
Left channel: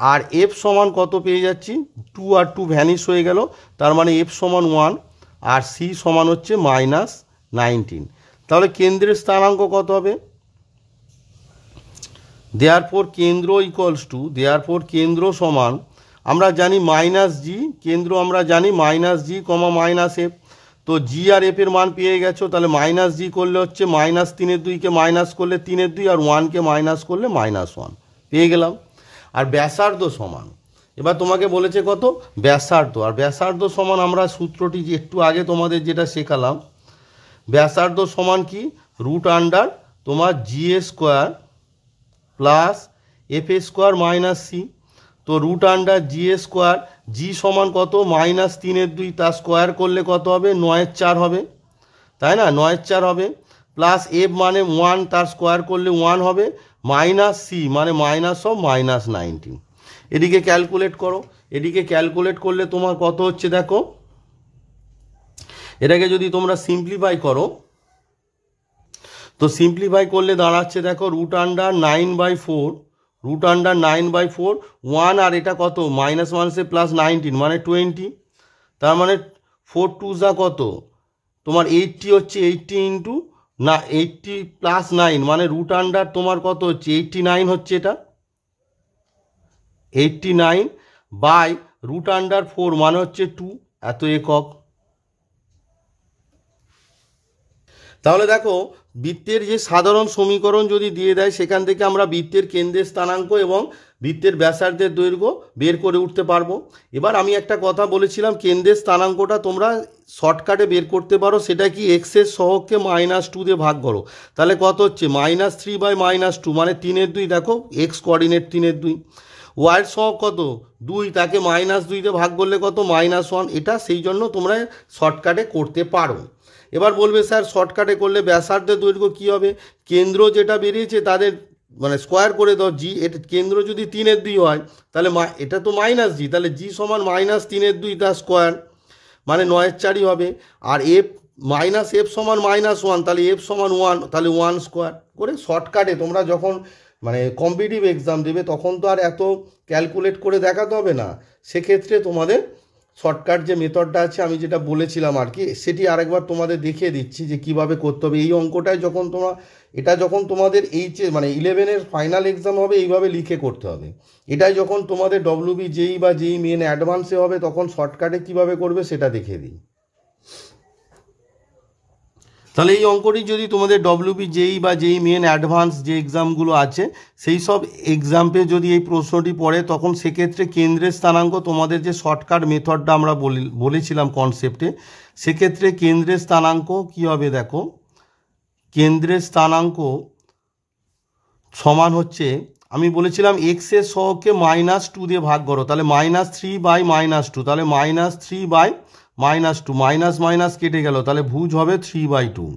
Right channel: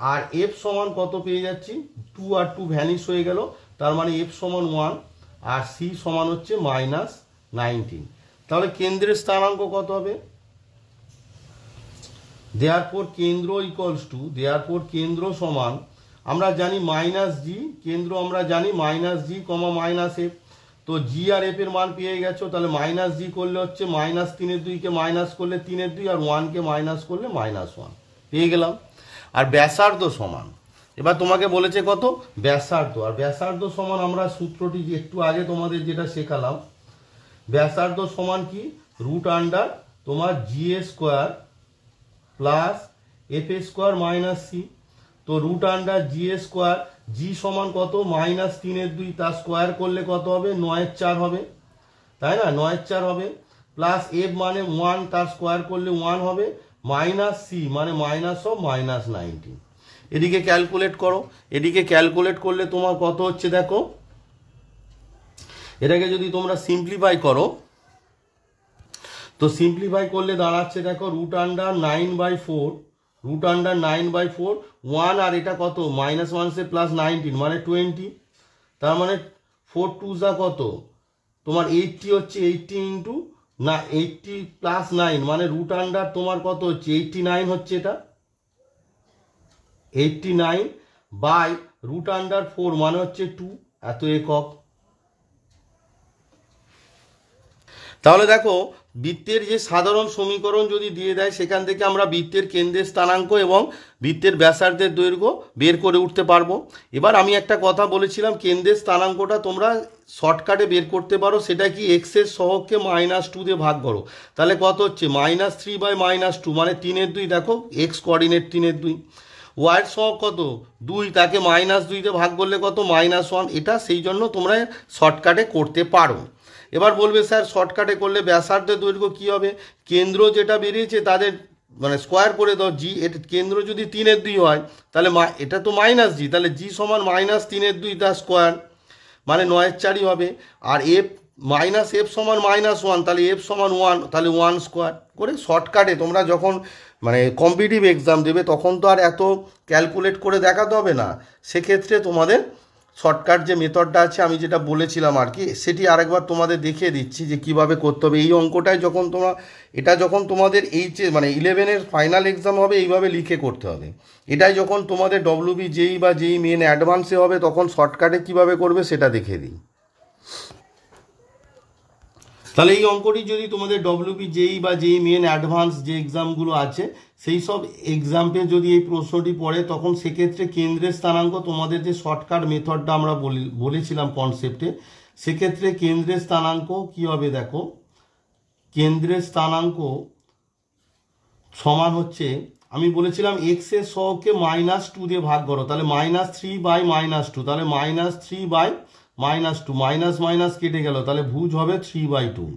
আর এফ সমান কত পেয়ে যাচ্ছি 2 আর 2 ভ্যানিশ হয়ে গেল, তার মানে এফ সমান 1 আর সি সমান হচ্ছে -19। তাহলে কেন্দ্রের স্থানাঙ্ক কত হবে, দেয়ারফর কেন্দ্র সমান আমরা জানি -g, কেন্দ্র আমরা জানি -g, -f। তো জি আর এফ এর মান পেয়ে গেছো, তাহলে -g করলে হচ্ছে -3/2 কে মাইনাস করলে 3/2 আর 1 কে মাইনাস করলে -1 পেয়ে গেলাম। আর ব্যাসার্ধ সমান, এবার তোমাকে বলেছে কত ব্যাসার্ধ, আর ব্যাসার্ধ সমান আমরা সূত্রটি যে একটু আগে তোমাদের যেটা শেখালাম, ব্যাসার্ধ সমান কি √, তোমার G square plus F square minus C. তো √জি স্কোয়ার, জি সমান কত -3/2, তার স্কোয়ার করলে কত হবে 9/4 হবে, তাই না 9/4 হবে, প্লাস এফ মানে 1, তার স্কোয়ার করলে 1 হবে, মাইনাস সি মানে -19। এদিকে ক্যালকুলেট করো, এদিকে ক্যালকুলেট করলে তোমার কত হচ্ছে দেখো, এটাকে যদি তোমরা সিম্পলিফাই করো তো সিম্পলিফাই করলে দাঁড়াচ্ছে দেখো √9/4, √9/4 1 আর এটা কত -1 সে +19 মানে 20, তার মানে 4 2 যা কত তোমার 80 হচ্ছে, 80 ইন্টু 80 + 9 মানে √, তোমার কত হচ্ছে 89 হচ্ছে, এটা 89/√4 মানে হচ্ছে 2 এত একক। তাহলে দেখো বৃত্তের যে সাধারণ সমীকরণ যদি দিয়ে দেয় সেখান থেকে আমরা বৃত্তের কেন্দ্রের স্থানাঙ্ক এবং বৃত্তের ব্যাসার্ধের দৈর্ঘ্য বের করে উঠতে পারবো। এবার আমি একটা কথা বলেছিলাম কেন্দ্রের স্থানাঙ্কটা তোমরা শর্টকাটে বের করতে পারো, সেটা কি এক্সের সহগকে -2 দিয়ে ভাগ করো, তাহলে কত হচ্ছে -3/-2 মানে 3/2, দেখো এক্স কোঅর্ডিনেট 3/2, ওয়াই সহগ কত 2, তাকে -2 দিয়ে ভাগ করলে কত -1, এটা সেই জন্য তোমরা শর্টকাটে করতে পারো। এবার বলবে স্যার শর্টকাটে করলে ব্যাসার্ধের দৈর্ঘ্য কী হবে, কেন্দ্র যেটা বেরিয়েছে তাদের মানে স্কোয়ার করে দাও, জি এটা কেন্দ্র যদি 3/2 হয় তাহলে এটা তো -g, তাহলে জি সমান -3/2 তার স্কোয়ার মানে 9/4 হবে, আর এফ এফ সমান -1, তাহলে এফ সমান 1, তাহলে 1 স্কোয়ার করে শর্টকাটে তোমরা যখন মানে কম্পিটিটিভ এক্সাম দেবে তখন তো আর এত ক্যালকুলেট করে দেখাতে হবে না, সেক্ষেত্রে তোমাদের শর্টকাট যে মেথডটা আছে আমি যেটা বলেছিলাম আর কি, সেটি আরেকবার তোমাদের দেখিয়ে দিচ্ছি যে কিভাবে করতে হবে। এই অঙ্কটাই যখন তোমরা এটা যখন তোমাদের মানে 11-এর ফাইনাল এক্সাম হবে এইভাবে লিখে করতে হবে। এটাই যখন তোমাদের ডব্লিউবি জেই বা জেই মেন অ্যাডভান্সে হবে তখন শর্টকাটে কিভাবে করবে সেটা দেখিয়ে দিই। তাহলে এই অঙ্কটি যদি তোমাদের ডব্লিউবি জেই বা জেই মেন অ্যাডভান্স যে এক্সামগুলো আছে সেই সব এক্সামে যদি এই প্রশ্নটি পড়ে তখন সেক্ষেত্রে কেন্দ্রের স্থানাঙ্ক, তোমাদের যে শর্টকাট মেথডটা আমরা বলেছিলাম কনসেপ্টে, সেক্ষেত্রে কেন্দ্রের স্থানাঙ্ক কী হবে দেখো, কেন্দ্রের স্থানাঙ্ক সমান হচ্ছে, আমি বলেছিলাম এক্সের সহগকে -2 দিয়ে ভাগ করো, তাহলে -3/-2, তাহলে -3/-2, মাইনাস মাইনাস কেটে গেল, তাহলে ভুজ হবে 3/2।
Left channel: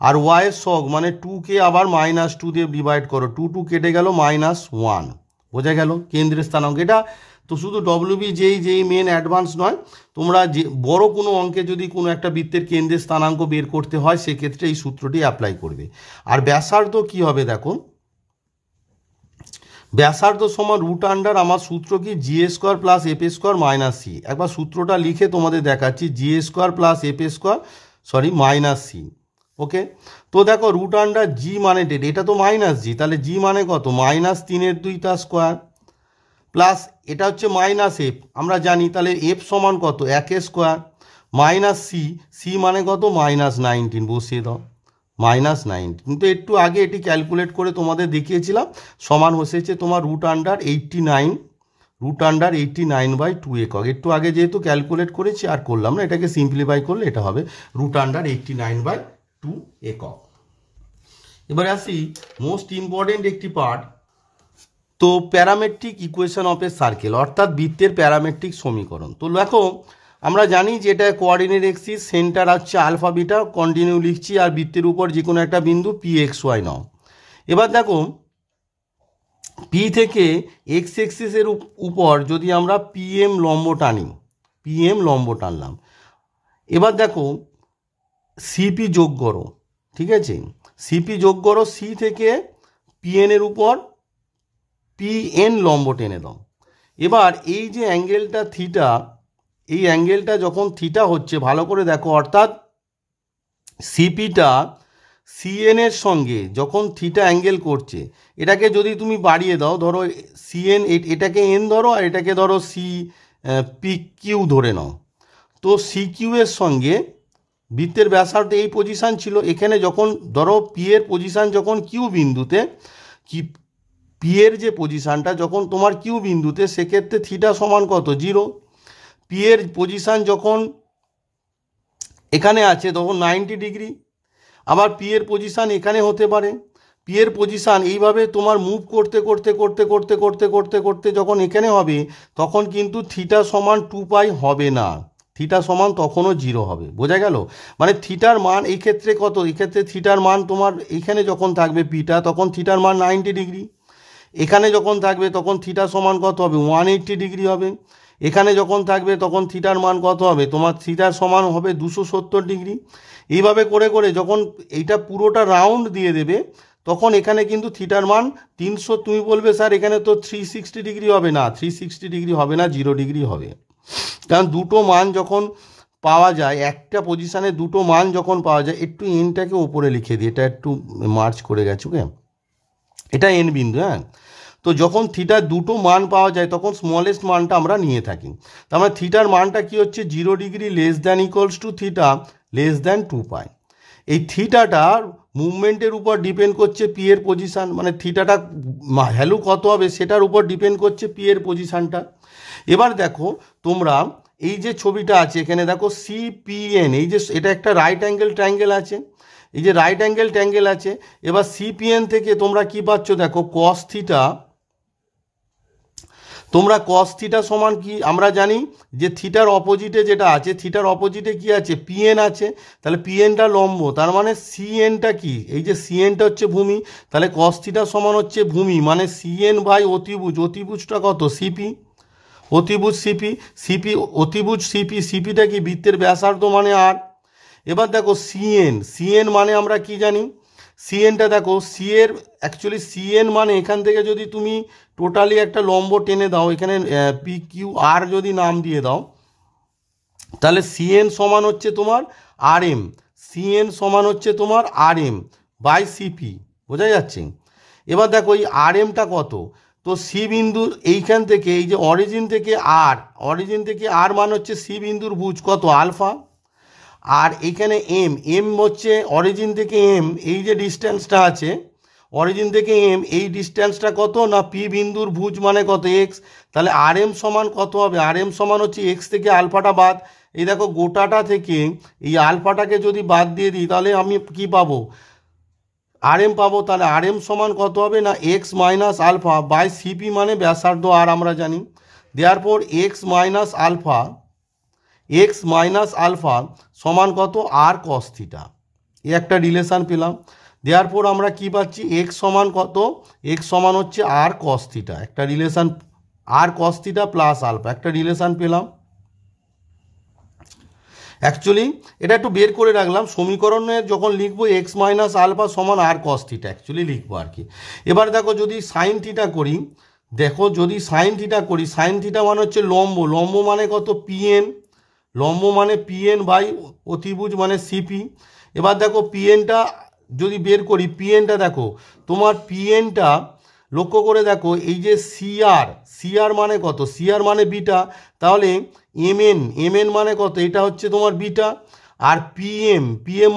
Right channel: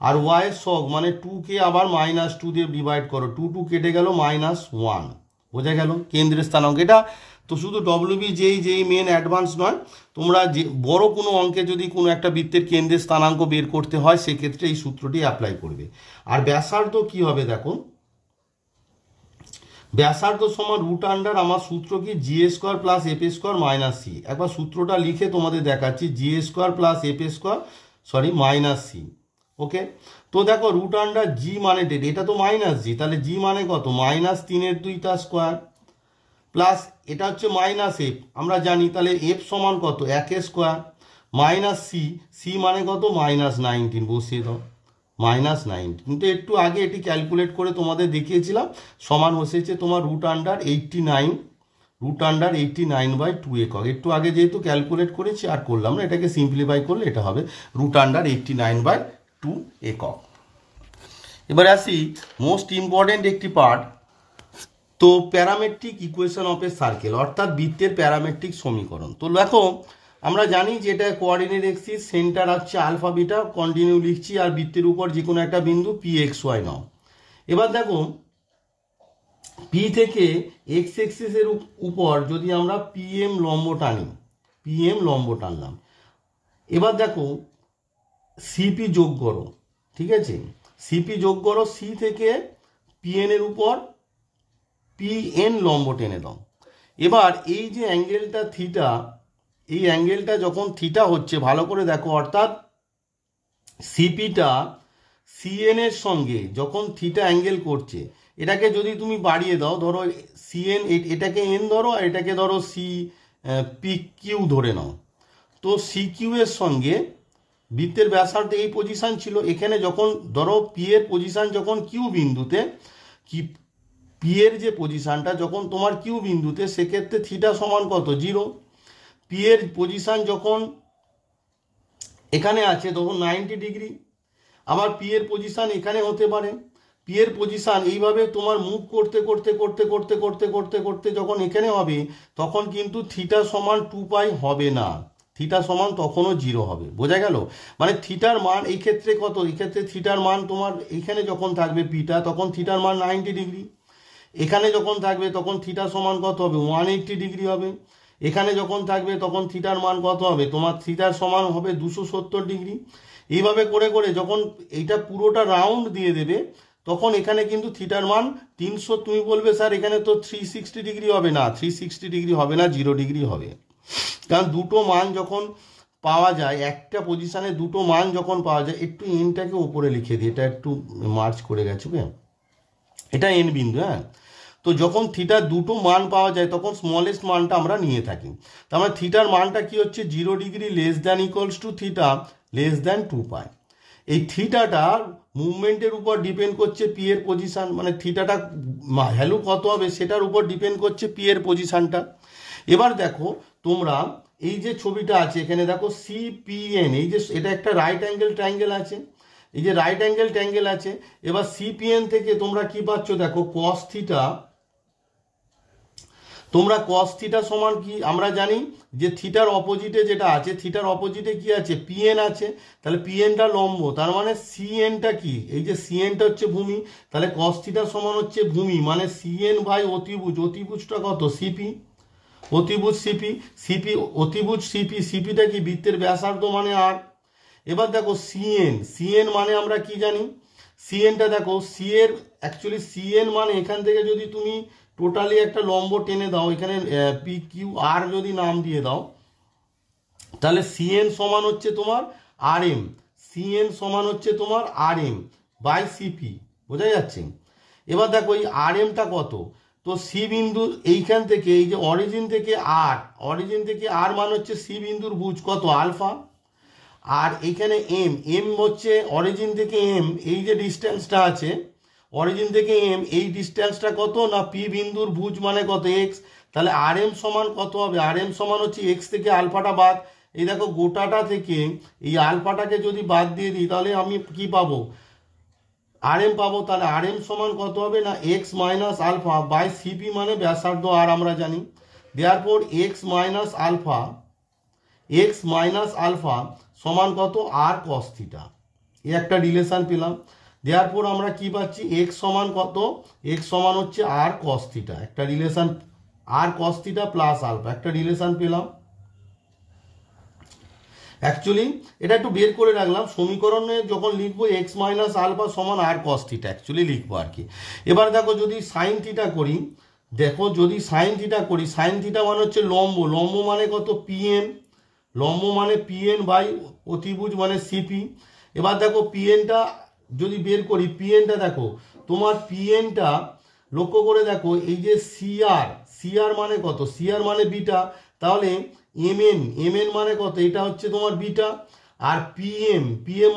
আর ওয়াইয়ের সহগ মানে 2কে আবার -2 দিয়ে ডিভাইড করো, 2 কেটে গেল -1, বোঝা গেল কেন্দ্রের স্থানাঙ্ক। এটা তো শুধু ডব্লিউবি জেই মেন অ্যাডভান্স নয়, তোমরা যে বড় কোনো অঙ্কে যদি কোনো একটা বৃত্তের কেন্দ্রের স্থানাঙ্ক বের করতে হয় সেক্ষেত্রে এই সূত্রটি অ্যাপ্লাই করবে। আর ব্যাসার্ধ কি হবে দেখো, ব্যাসার্ধ সমান √, আমার সূত্র কি g² + f² - c। একবার সূত্রটা লিখে তোমাদের দেখাচ্ছি, g² + f² - c। ওকে, তো দেখো √g মানে ডেট, এটা তো -g, তাহলে g মানে কত, -3/2 তার স্কোয়ার, প্লাস এটা হচ্ছে -f আমরা জানি, তাহলে f সমান কত 1² - c মানে কত -19, বসিয়ে দাও -9। কিন্তু একটু আগে এটি ক্যালকুলেট করে তোমাদের দেখিয়েছিলাম, সমান হয়েছে তোমার √89/2 একক। একটু আগে যেহেতু ক্যালকুলেট করেছি আর করলাম না, এটাকে সিম্পলিফাই করলে এটা হবে √89/2 একক। এবার আসি মোস্ট ইম্পর্টেন্ট একটি পার্ট, তো parametric equation of a circle, অর্থাৎ বৃত্তের প্যারামেট্রিক সমীকরণ। তো দেখো আমরা জানি যে এটা কোঅর্ডিনেট এক্সিস, সেন্টার হচ্ছে আলফা বিটা, কন্টিনিউ লিখছি, আর বৃত্তের উপর যে কোনো একটা বিন্দু pxy নাও। এবার দেখো পি থেকে এক্স এক্সিসের উপর যদি আমরা পিএম লম্ব টানি, পিএম লম্ব টানলাম, এবার দেখো সিপি যোগ করো, ঠিক আছে, সিপি যোগ করো, সি থেকে পিএনের উপর পিএন লম্ব টেনে দাও। এবার এই যে অ্যাঙ্গেলটা থিটা, এই অ্যাঙ্গেলটা যখন থিটা হচ্ছে ভালো করে দেখো, অর্থাৎ সিপিটা সিএনের সঙ্গে যখন থিটা অ্যাঙ্গেল করছে, এটাকে যদি তুমি বাড়িয়ে দাও, ধরো সিএন, এটাকে এন ধরো আর এটাকে ধরো সি পি কিউ ধরে নাও, তো সি কিউ এর সঙ্গে বৃত্তের ব্যাসার্ধ এই পজিশান ছিল, এখানে যখন ধরো পি এর পজিশান যখন কিউ বিন্দুতে, কি পি এর যে পজিশানটা যখন তোমার কিউ বিন্দুতে, সেক্ষেত্রে থিটা সমান কত 0। পি এর পজিশান যখন এখানে আছে তখন 90 ডিগ্রি, আবার পি এর পজিশান এখানে হতে পারে, পি এর পজিশান এইভাবে তোমার মুভ করতে করতে করতে করতে করতে করতে করতে যখন এখানে হবে তখন কিন্তু থিটা সমান 2π হবে না, থিটা সমান তখনও 0 হবে, বোঝা গেল। মানে থিটার মান এই ক্ষেত্রে কত, এই ক্ষেত্রে থিটার মান তোমার এখানে যখন থাকবে পিটা তখন থিটার মান 90 ডিগ্রি, এখানে যখন থাকবে তখন থিটা সমান কত হবে 180 ডিগ্রি হবে, এখানে যখন থাকবে তখন থিটার মান কত হবে, তোমার থিটার সমান হবে 270 ডিগ্রি। এইভাবে করে করে যখন এইটা পুরোটা রাউন্ড দিয়ে দেবে তখন এখানে কিন্তু থিটার মান 300, তুমি বলবে স্যার এখানে তো 360 ডিগ্রি হবে, না 360 ডিগ্রি হবে না, 0 ডিগ্রি হবে। কারণ দুটো মান যখন পাওয়া যায়, একটা পজিশানে দুটো মান যখন পাওয়া যায়, একটু এনটাকে উপরে লিখে দিই, এটা একটু মার্চ করে গেছে, ওকে, এটা এন বিন্দু, হ্যাঁ। তো যখন থিটার দুটো মান পাওয়া যায় তখন স্মলেস্ট মানটা আমরা নিয়ে থাকি, তার মানে থিটার মানটা কি হচ্ছে 0 ডিগ্রি <= থিটা <2π। এই থিটাটার মুভমেন্টের উপর ডিপেন্ড করছে পি এর পজিশান, মানে থিটাটা ভ্যালু কত হবে সেটার উপর ডিপেন্ড করছে পি এর পজিশানটা। এবার দেখো তোমরা এই যে ছবিটা আছে এখানে দেখো সিপিএন, এই যে এটা একটা রাইট অ্যাঙ্গেল ট্রায়াঙ্গেল আছে, এই যে রাইট অ্যাঙ্গেল ট্রায়াঙ্গেল আছে। এবার সিপিএন থেকে তোমরা কি পাচ্ছ দেখো কস থিটা, তোমরা কস থিটা সমান কি আমরা জানি যে থিটার অপোজিটে যেটা আছে, থিটার অপোজিটে কি আছে পিএন আছে, তাহলে পিএনটা লম্ব, তার মানে সিএনটা কি, এই যে সিএনটা হচ্ছে ভূমি, তাহলে কস থিটা সমান হচ্ছে ভূমি মানে সিএন বাই অতিভুজ, অতিভুজটা কত সিপি, অতিভুজ সিপি, সিপি অতিভুজ সিপি, সিপিটা কি বৃত্তের ব্যাসার্ধ মানে আর। এবার দেখো সিএন, সিএন মানে আমরা কি জানি, সিএনটা দেখো সি এর অ্যাকচুয়ালি সিএন মানে এখান থেকে যদি তুমি টোটালি একটা লম্ব টেনে দাও, এখানে পি কিউ আর যদি নাম দিয়ে দাও, তাহলে সিএন সমান হচ্ছে তোমার আর এম, সিএন সমান হচ্ছে তোমার আর এম বাই সিপি, বোঝা যাচ্ছে। এবার দেখো এই আর এমটা কত, তো সি বিন্দু এইখান থেকে এই যে অরিজিন থেকে আর মান হচ্ছে সি বিন্দুর ভুজ কত আলফা, আর এখানে এম হচ্ছে অরিজিন থেকে এম, এই যে ডিস্টেন্সটা আছে অরিজিন থেকে এম, এই ডিস্টেন্সটা কত না পি বিন্দুর ভুজ মানে কত এক্স। তাহলে আর এম সমান কত হবে, আর এম সমান হচ্ছে এক্স থেকে আলফাটা বাদ, এই দেখো গোটাটা থেকে এই আলফাটাকে যদি বাদ দিয়ে দিই তাহলে আমি কি পাবো, আর এম পাবো। তাহলে আর এম সমান কত হবে না x minus alpha by CP মানে ব্যাসার্ধ আর আমরা জানি, দেয়ারপর এক্স মাইনাস আলফা সমান কত আর কস থিটা, এই একটা রিলেশান পেলাম। দেয়ারপর আমরা কি পাচ্ছি এক্স সমান কত, এক্স সমান হচ্ছে আর কস থিটা, একটা রিলেশান আর কস থিটা প্লাস আলফা, একটা রিলেশান পেলাম। অ্যাকচুয়ালি এটা একটু বের করে রাখলাম, সমীকরণে যখন লিখবো এক্স মাইনাস আলফা সমান আর কস থিটা অ্যাকচুয়ালি লিখবো আর কি। এবার দেখো যদি সাইন থিটা করি, সাইন থিটা মানে হচ্ছে লম্ব মানে কত পিএন, লম্ব মানে পিএন বাই অতিভুজ মানে সিপি। এবার দেখো পিএনটা যদি বের করি, পিএনটা দেখো তোমার পিএনটা লক্ষ্য করে দেখো এই যে সিআর মানে কত, সিআর মানে বিটা, তাহলে এমএন মানে কত, এটা হচ্ছে তোমার বিটা, আর পিএম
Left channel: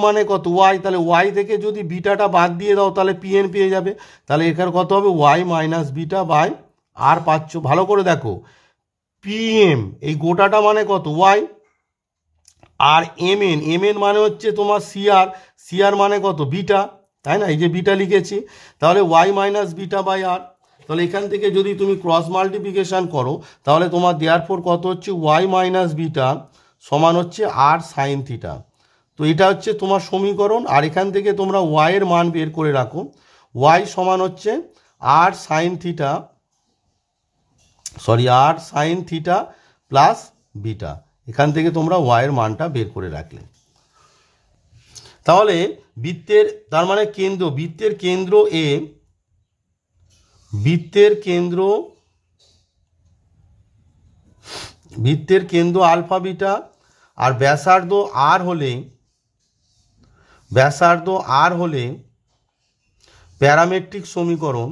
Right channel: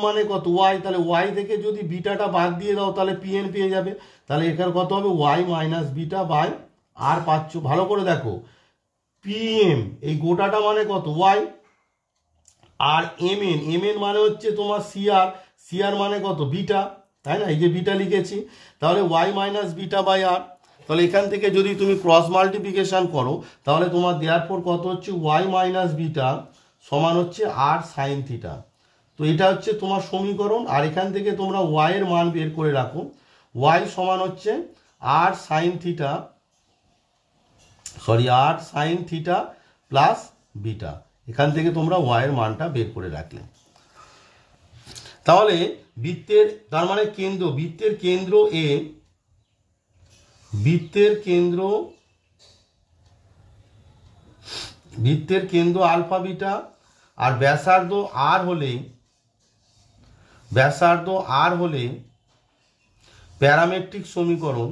মানে কত ওয়াই, তাহলে ওয়াই থেকে যদি বিটাটা বাদ দিয়ে দাও তাহলে পিএন পেয়ে যাবে। তাহলে এখানে কত হবে ওয়াই মাইনাস বিটা বাই আর পাচ্ছ। ভালো করে দেখো পিএম এই গোটাটা মানে কত ওয়াই, আর এমএন মানে হচ্ছে তোমার সিআর মানে কত বিটা, তাই না, এই যে বিটা লিখেছি, তাহলে ওয়াই মাইনাস বিটা বাই আর। তাহলে এখান থেকে যদি তুমি ক্রস মাল্টিপ্লিকেশান করো তাহলে তোমার দেয়ারপর কত হচ্ছে ওয়াই মাইনাস বিটা সমান হচ্ছে আর সাইন থিটা। তো এটা হচ্ছে তোমার সমীকরণ, আর এখান থেকে তোমরা ওয়াইয়ের মান বের করে রাখো, ওয়াই সমান হচ্ছে আর সাইন থিটা প্লাস বিটা, এখান থেকে তোমরা ওয়াইয়ের মানটা বের করে রাখলে। তাহলে তার মানে বৃত্তের কেন্দ্র আলফা বিটা, আর ব্যাসার্ধ আর হলে প্যারামেট্রিক সমীকরণ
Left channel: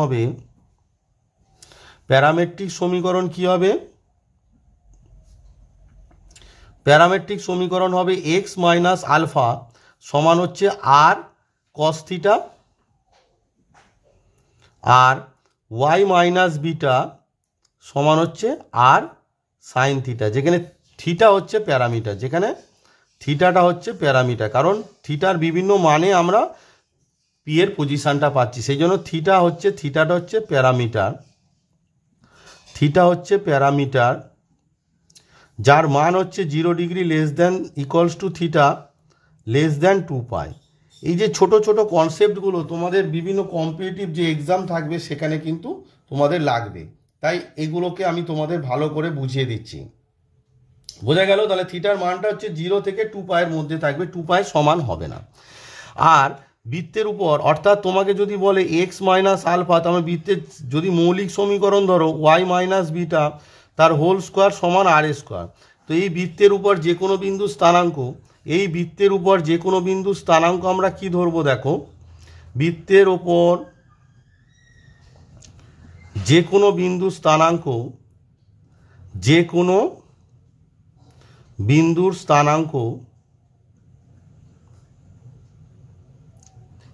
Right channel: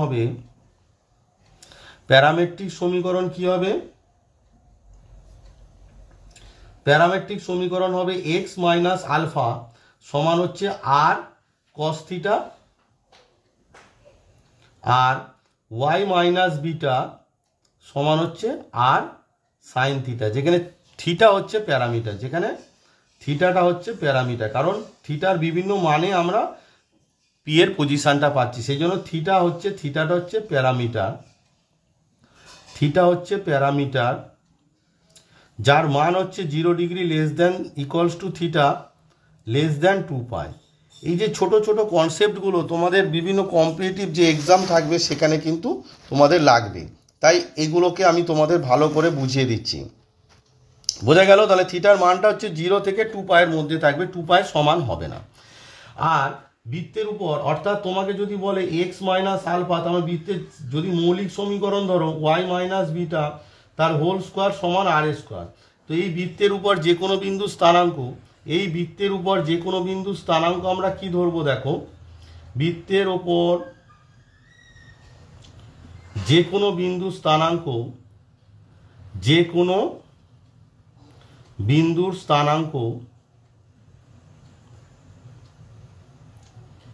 হবে, প্যারামেট্রিক সমীকরণ হবে এক্স মাইনাস আলফা সমান হচ্ছে আর কস থিটা, আর ওয়াই মাইনাস বিটা সমান হচ্ছে আর সাইন থিটা, যেখানে থিটা হচ্ছে প্যারামিটার, কারণ থিটার বিভিন্ন মানে আমরা পি এর পজিশনটা পাচ্ছি, সেই জন্য থিটাটা হচ্ছে প্যারামিটার, যার মান হচ্ছে 0 degree less than equals to theta less than 2π। এই যে ছোট ছোট কনসেপ্টগুলো তোমাদের বিভিন্ন কম্পিটিটিভ যে এক্সাম থাকবে সেখানে কিন্তু তোমাদের লাগবে, তাই এগুলোকে আমি তোমাদের ভালো করে বুঝিয়ে দিচ্ছি, বোঝা গেল। তাহলে থিটার মানটা হচ্ছে 0 থেকে 2π এর মধ্যে থাকবে, 2π সমান হবে না। আর বৃত্তের উপর অর্থাৎ তোমাকে যদি বলে এক্স মাইনাস আলফা, তাহলে বৃত্তের যদি মৌলিক সমীকরণ ধরো ওয়াই মাইনাস বিটা তার হোল স্কোয়ার সমান আর স্কোয়ার। তো এই বৃত্তের উপর যে কোনো বিন্দু স্থানাঙ্ক, আমরা কি ধরবো দেখো, বৃত্তের ওপর যে কোনো বিন্দুর স্থানাঙ্ক,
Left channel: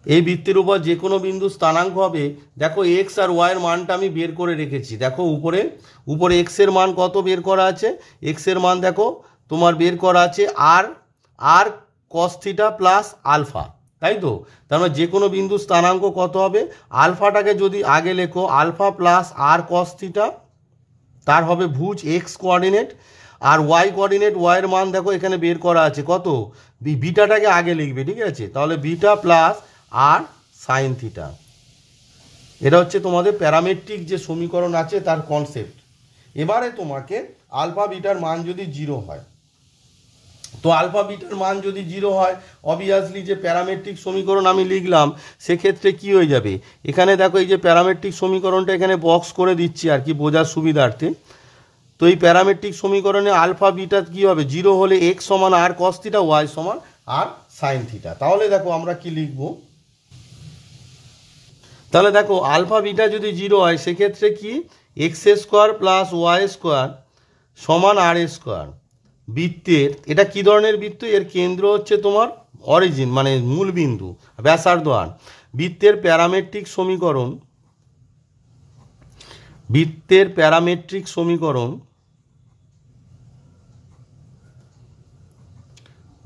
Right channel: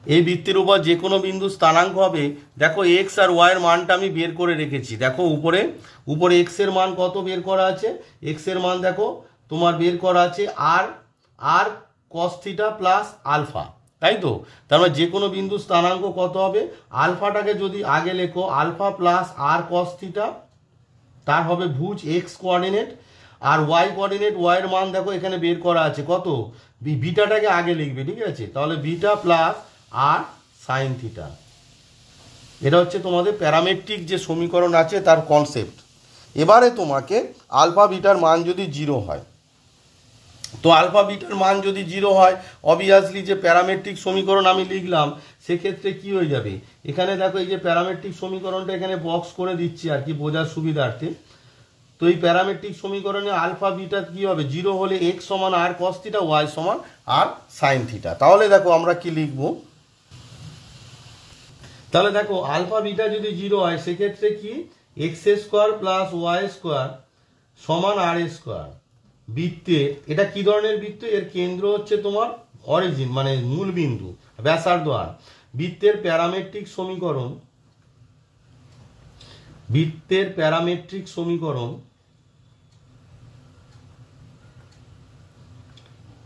এই বৃত্তের উপর যে কোনো বিন্দু স্থানাঙ্ক হবে। দেখো এক্স আর ওয়াইয়ের মানটা আমি বের করে রেখেছি, দেখো উপরে এক্স এর মান কত বের করা আছে, এক্স এর মান দেখো তোমার বের করা আছে আর কস থিটা প্লাস আলফা, তাই তো। তার মানে যে কোনো বিন্দু স্থানাঙ্ক কত হবে, আলফাটাকে যদি আগে লেখো আলফা প্লাস আর কস থিটা, তার হবে ভুজ এক্স কোঅর্ডিনেট, আর ওয়াই কোঅর্ডিনেট ওয়াইয়ের মান দেখো এখানে বের করা আছে কত, বিটাটাকে আগে লিখবে, ঠিক আছে। তাহলে বিটা প্লাস আর সাইন থিটা, এটা হচ্ছে তোমাদের প্যারামেট্রিক যে সমীকরণ আছে তার কনসেপ্ট। এবারে তোমাকে আলফা বিটার মান যদি 0 হয়, তো আলফা বিটার মান যদি 0 হয় অবভিয়াসলি যে প্যারামেট্রিক সমীকরণ আমি লিখলাম সেক্ষেত্রে কি হয়ে যাবে, এখানে দেখো এই যে প্যারামেট্রিক সমীকরণটা এখানে বক্স করে দিচ্ছি আর কি বোঝার সুবিধার্থে। তো এই প্যারামেট্রিক সমীকরণে আলফা বিটা কী হবে, 0 হলে এক্স সমান আর কস থিটা, ওয়াই সমান আর সাইন থিটা। তাহলে দেখো আমরা কি লিখব, তাহলে দেখো আলফা বিটা যদি 0 হয় সেক্ষেত্রে কি x square plus y square সমান আর স্কোয়ার। বৃত্তের এটা কি ধরনের বৃত্ত, এর কেন্দ্র হচ্ছে তোমার অরিজিন মানে মূল বিন্দু, ব্যাসার্ধ আর। বৃত্তের প্যারামেট্রিক সমীকরণ, বৃত্তের প্যারামেট্রিক সমীকরণ,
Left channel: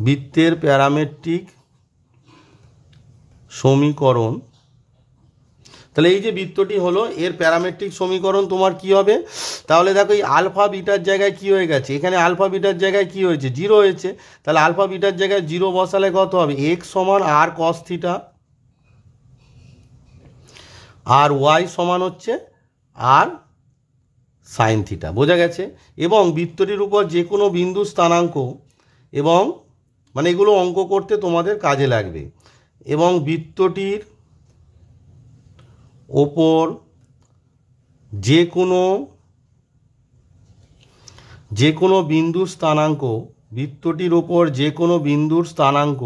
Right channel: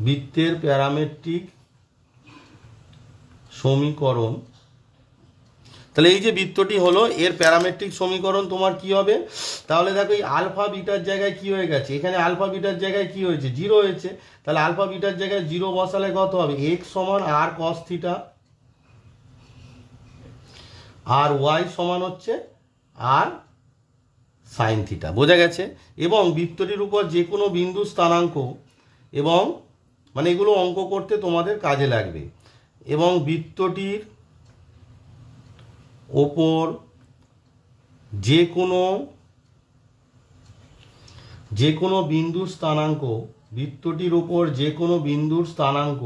বৃত্তের প্যারামেট্রিক সমীকরণ। তাহলে এই যে বৃত্তটি হলো এর প্যারামেট্রিক সমীকরণ তোমার কি হবে, তাহলে দেখো এই আলফা বিটার জায়গায় কি হয়ে গেছে, এখানে আলফা বিটার জায়গায় কি হয়েছে, 0 হয়েছে। তাহলে আলফা বিটার জায়গায় 0 বসালে কত হবে, এক্স সমান আর কস থিটা আর ওয়াই সমান হচ্ছে আর সাইন থিটা। বোঝা গেছে? এবং বৃত্তটির উপর যে কোনো বিন্দু স্থানাঙ্ক, এবং মানে এগুলো অঙ্ক করতে তোমাদের কাজে লাগবে, এবং বৃত্তটির ওপর যে কোনো বিন্দুর স্থানাঙ্ক, বৃত্তটির ওপর যে কোনো বিন্দুর স্থানাঙ্ক,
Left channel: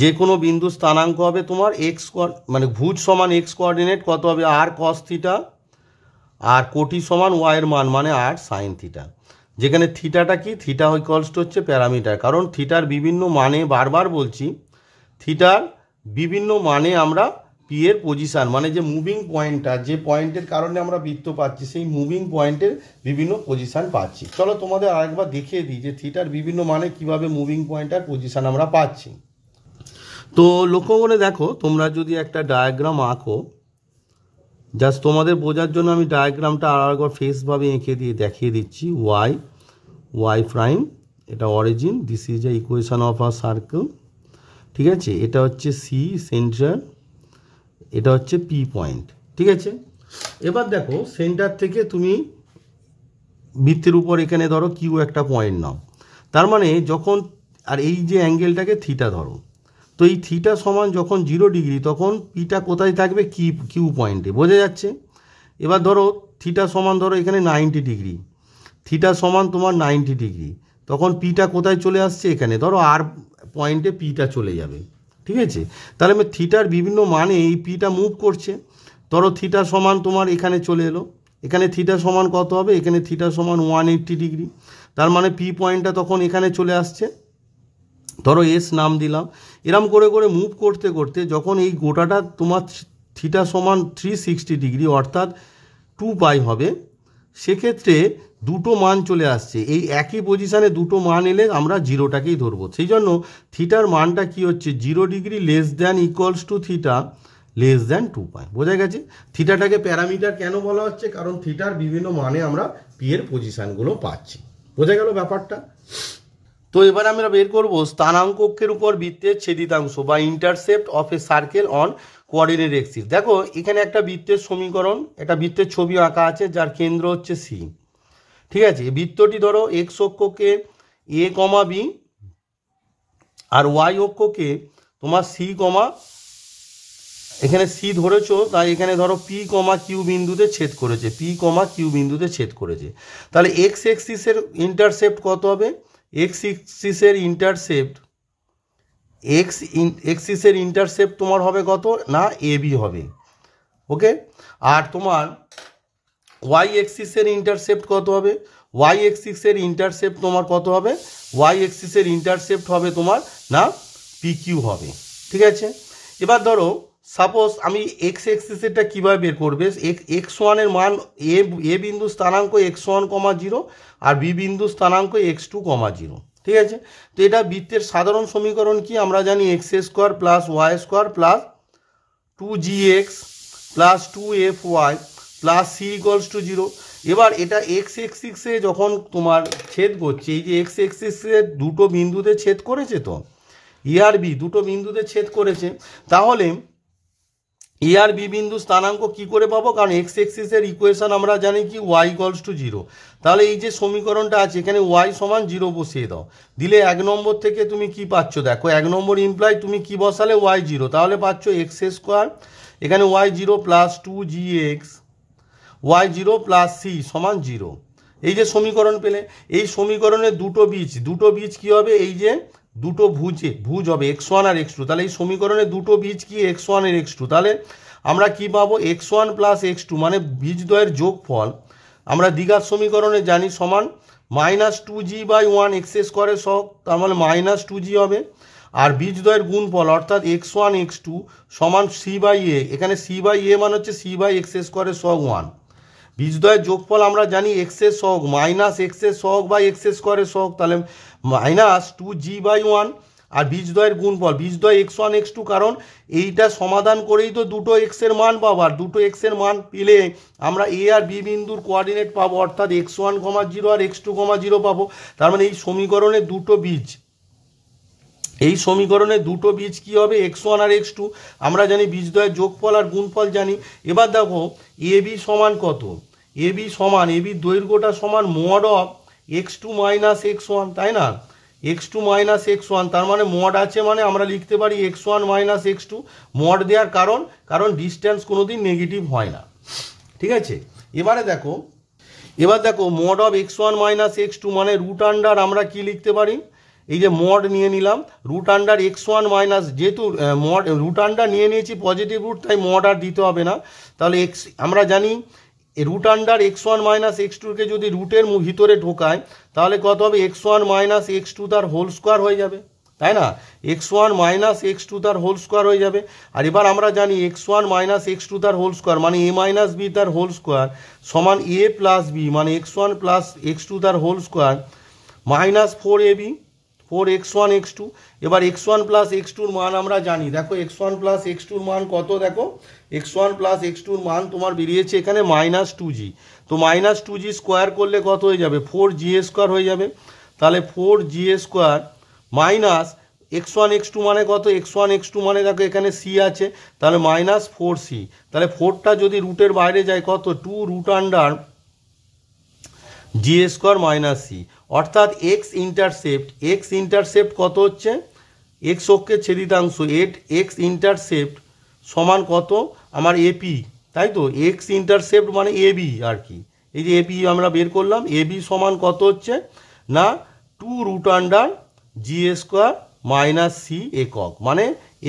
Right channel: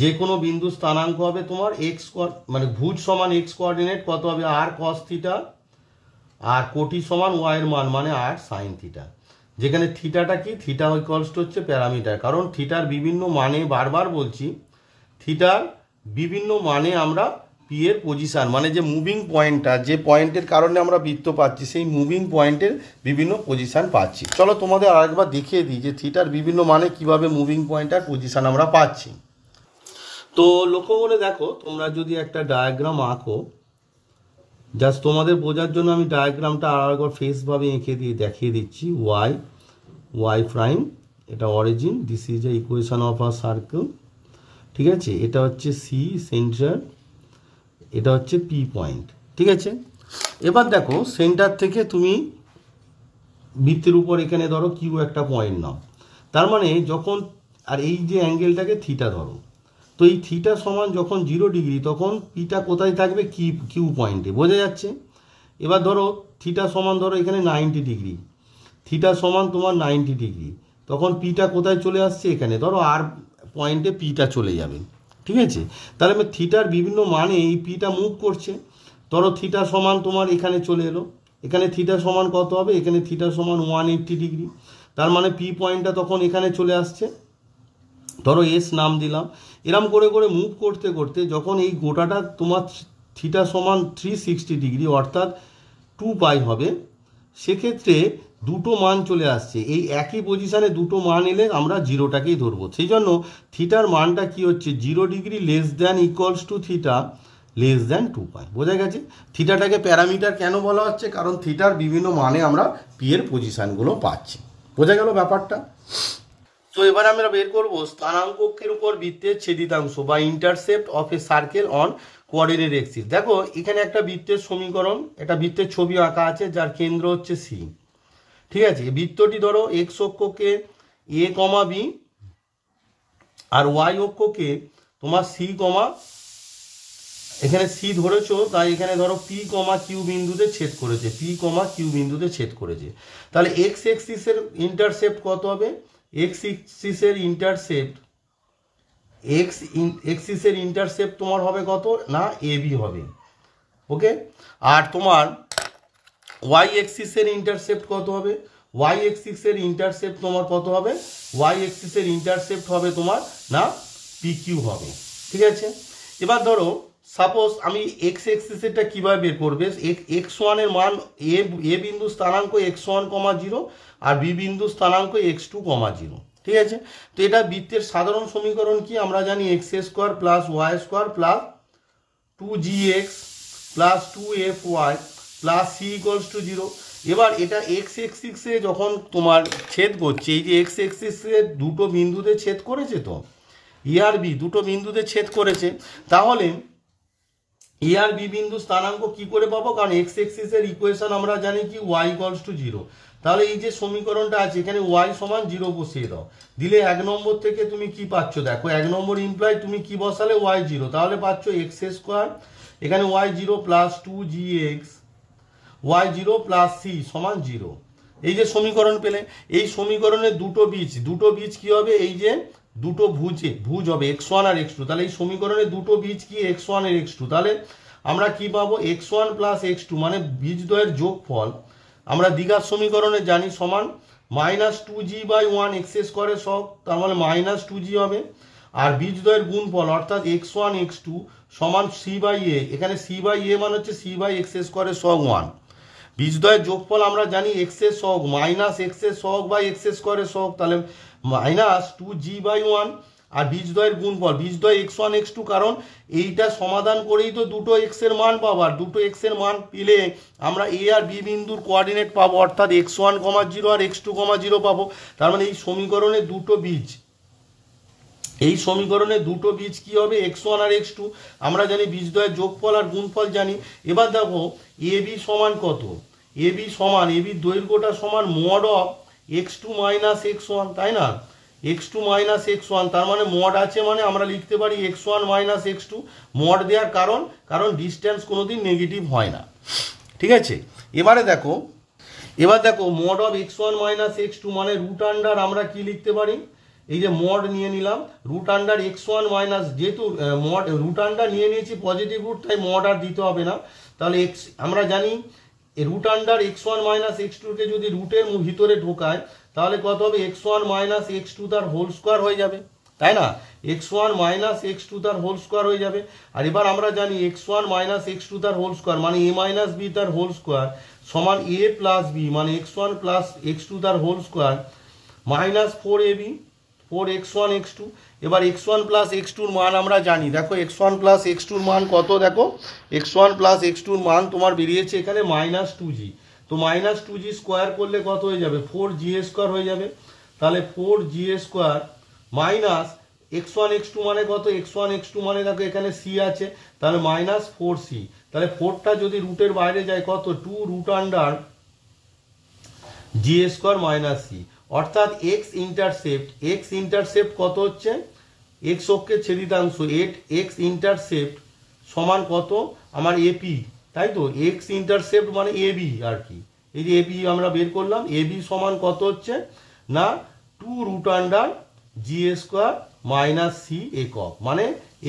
যে কোনো বিন্দু স্থানাঙ্ক হবে তোমার এক্স মানে ভুজ সমান এক্স কোঅর্ডিনেট কত হবে আর কস থিটা, আর কোটি সমান ওয়াইয়ের মান মানে আর সাইন থিটা। যেখানে থিটাটা কি, থিটা ইকুয়ালস টু হচ্ছে প্যারামিটার, কারণ থিটার বিভিন্ন মানে, বারবার বলছি, থিটার বিভিন্ন মানে আমরা পি এর পজিশান মানে যে মুভিং পয়েন্টটা, যে পয়েন্টের কারণে আমরা বৃত্ত পাচ্ছি, সেই মুভিং পয়েন্টের বিভিন্ন পজিশান পাচ্ছি। চলো তোমাদের আরেকবার দেখিয়ে দিই যে থিটার বিভিন্ন মানে কিভাবে মুভিং পয়েন্টার পজিশান আমরা পাচ্ছি। তো লক্ষ্য করে দেখো, তোমরা যদি একটা ডায়াগ্রাম আঁকো, জাস্ট তোমাদের বোঝার জন্য আমি ডায়াগ্রামটা আরেকবার ফেসভাবে এঁকে দিয়ে দেখিয়ে দিচ্ছি। ওয়াই প্রাইম, এটা origin, this is a equation of a circle, ঠিক আছে। এটা হচ্ছে সি সেন্টার, এটা হচ্ছে পি পয়েন্ট, ঠিক আছে। এবার দেখো সেন্টার থেকে তুমি বৃত্তের উপর এখানে ধরো কিউ একটা পয়েন্ট নাও, তার মানে যখন, আর এই যে অ্যাঙ্গেলটাকে থিটা ধরো, তো এই থিটা সমান যখন 0 ডিগ্রি তখন পিটা কোথায় থাকবে, কিউ পয়েন্টে। বোঝা যাচ্ছে? এবার ধরো থিটা সমান ধরো এখানে 90 ডিগ্রি, থিটা সমান তোমার 90 ডিগ্রি, তখন পিটা কোথায় চলে আসছে, এখানে ধরো আর পয়েন্টে পিটা চলে যাবে, ঠিক আছে। তাহলে আমি থিটার বিভিন্ন মানে এই পিটা মুভ করছে, ধরো থিটা সমান তোমার এখানে চলে এলো, এখানে থিটা সমান কত হবে, এখানে থিটা সমান 180 ডিগ্রি, তার মানে পি পয়েন্টটা তখন এখানে চলে আসছে, ধরো এস নাম দিলাম। এরম করে করে মুভ করতে করতে যখন এই গোটাটা তোমার থিটা সমান 360 ডিগ্রি অর্থাৎ 2 পাই হবে, সেক্ষেত্রে দুটো মান চলে আসছে, এই একই পজিশানে দুটো মান এলে আমরা জিরোটাকেই ধরবো। সেই জন্য থিটার মানটা কি হচ্ছে, 0 degree less than equals to theta less than 2 পাই। বোঝা গেছে? থিটাটাকে প্যারামিটার কেন বলা হচ্ছে, কারণ থিটার বিভিন্ন মানে আমরা পি এর পজিশানগুলো পাচ্ছি। বোঝা গেল ব্যাপারটা? তো এবার আমরা বের করব স্থানাঙ্ক অক্ষের উপর বৃত্তের ছেদিতাংশ বা intercept of a circle on coordinate axis. দেখো এখানে একটা বৃত্তের সমীকরণ, একটা বৃত্তের ছবি আঁকা আছে যার কেন্দ্র হচ্ছে সি, ঠিক আছে। বৃত্তটি ধরো এক্স অক্ষকে এ কমা বি আর ওয়াই অক্ষকে তোমার সি কমা, এখানে সি ধরেছো তাই এখানে ধরো পি কমা কিউ বিন্দুতে ছেদ করেছে, পি কমা কিউ বিন্দুতে ছেদ করেছে। তাহলে এক্স এক্সিসের ইন্টারসেপ্ট কত হবে, এক্স এক্সিসের ইন্টারসেপ্ট তোমার হবে কত না, এ বি হবে, ওকে। আর তোমার ওয়াই এক্সিসের ইন্টারসেপ্ট কত হবে, ওয়াই এক্সিসের ইন্টারসেপ্ট তোমার কত হবে, ওয়াই এক্সিসের ইন্টারসেপ্ট হবে তোমার না পি কিউ হবে, ঠিক আছে। এবার ধরো সাপোজ আমি এক্স এক্সিসেরটা কীভাবে বের করবে, এক্স ওয়ানের মান এ বিন্দু স্থানাঙ্ক x1, 0 আর বি বিন্দু স্থানাঙ্ক x2, 0, ঠিক আছে। তো এটা বৃত্তের সাধারণ সমীকরণ কি, আমরা জানি x square plus y square plus 2gx plus 2fy plus c equals to 0। এবার এটা এক্স এক্সিসে যখন তোমার ছেদ করছে, এই যে এক্স এক্সিসে দুটো বিন্দুতে ছেদ করেছে, তো ই আর বি দুটো বিন্দুতে ছেদ করেছে, তাহলে এ আর বি বিন্দু স্থানাঙ্ক কি করে পাবো, কারণ এক্স এক্সিসের ইকুয়েশন আমরা জানি কি ওয়াই ইকুয়ালস টু 0। তাহলে এই যে সমীকরণটা আছে এখানে ওয়াই সমান 0 বসিয়ে দাও, দিলে 1 নম্বর থেকে তুমি কি পাচ্ছ, দেখো 1 নম্বর ইমপ্লাই তুমি কি বসালে ওয়াই 0, তাহলে পাচ্ছ এক্স স্কোয়ার, এখানে y 0 plus 2gx y0 plus c সমান 0। এই যে সমীকরণ পেলে, এই সমীকরণের দুটো বীজ কি হবে, এই যে দুটো ভুজ হবে x1 আর x2, তাহলে এই সমীকরণের দুটো বীজ কি x1 আর x2, তাহলে আমরা কি পাবো x1 প্লাস x2 মানে বীজদ্বয়ের যোগফল আমরা দ্বিঘাত সমীকরণে জানি সমান -2g/1 x স্কয়ারের সহগ, তার মানে -2g হবে। আর বীজদ্বয়ের গুণফল অর্থাৎ x1 x2 সমান c/a, এখানে c/a মানে হচ্ছে c/x স্কয়ারের সহগ 1। বীজদ্বয়ের যোগফল আমরা জানি x এর সহগ মাইনাস x এর সহগ বাই x স্কয়ারের সহগ, তাহলে -2g/1। আর বীজদ্বয়ের গুণফল বীজদ্বয় x1 x2, কারণ এইটা সমাধান করেই তো দুটো x এর মান পাবো, আর দুটো x এর মান পেলে আমরা a আর b বিন্দুর কোঅর্ডিনেট পাবো, অর্থাৎ x1, 0 আর x2, 0 পাবো। তার মানে এই সমীকরণে দুটো বীজ কি হবে x1 আর x2, আমরা জানি বীজদ্বয়ের যোগফল আর গুণফল জানি। এবার দেখো ab সমান কত, ab দৈর্ঘ্যটা সমান mod of x2 minus x1, তাই না, x2 মাইনাস x1, তার মানে মড আছে মানে আমরা লিখতে পারি x1 মাইনাস x2। মড দেওয়ার কারণ ডিস্টেন্স কোনোদিন নেগেটিভ হয় না, ঠিক আছে। এবার দেখো mod of x1 minus x2 মানে রুট আন্ডার আমরা কি লিখতে পারি, এই যে মড নিয়ে নিলাম রুট আন্ডার x1 মাইনাস, যেহেতু মড রুট আন্ডার নিয়ে নিয়েছি পজিটিভ রুট, তাই মড আর দিতে হবে না। তাহলে আমরা জানি রুট আন্ডার x1 মাইনাস x2কে যদি রুটের ভিতরে ঢোকায় তাহলে কত হবে x1 মাইনাস x2 তার হোল স্কোয়ার হয়ে যাবে, তাই না, x1 মাইনাস x2 তার হোল স্কোয়ার হয়ে যাবে। আর এবার আমরা জানি x1 মাইনাস x2 তার হোল স্কোয়ার মানে a মাইনাস b তার হোল স্কোয়ার সমান a প্লাস b মানে x1 প্লাস x2 তার whole square minus 4ab 4x1 x2। এবার x1 প্লাস x2র মান আমরা জানি, দেখো x1 প্লাস x2র মান কত, দেখো x1 প্লাস x2র মান তোমার বেরিয়েছে এখানে -2g, তো -2g স্কোয়ার করলে কত হয়ে যাবে 4g স্কোয়ার হয়ে যাবে। তাহলে 4g square minus x1 x2 মানে কত, x1 x2 মানে দেখো এখানে c আছে, তাহলে -4c, তাহলে 4টা যদি রুটের বাইরে যায় কত 2 root under g square minus c, অর্থাৎ x ইন্টারসেপ্ট কত হচ্ছে, x অক্ষের ছেদিতাংশ 8 x ইন্টারসেপ্ট সমান কত আমার AP, তাই তো, x ইন্টারসেপ্ট মানে AB আর কি, এই যে AP আমরা বের করলাম, AB সমান কত হচ্ছে না 2 root under g square minus c একক, মানে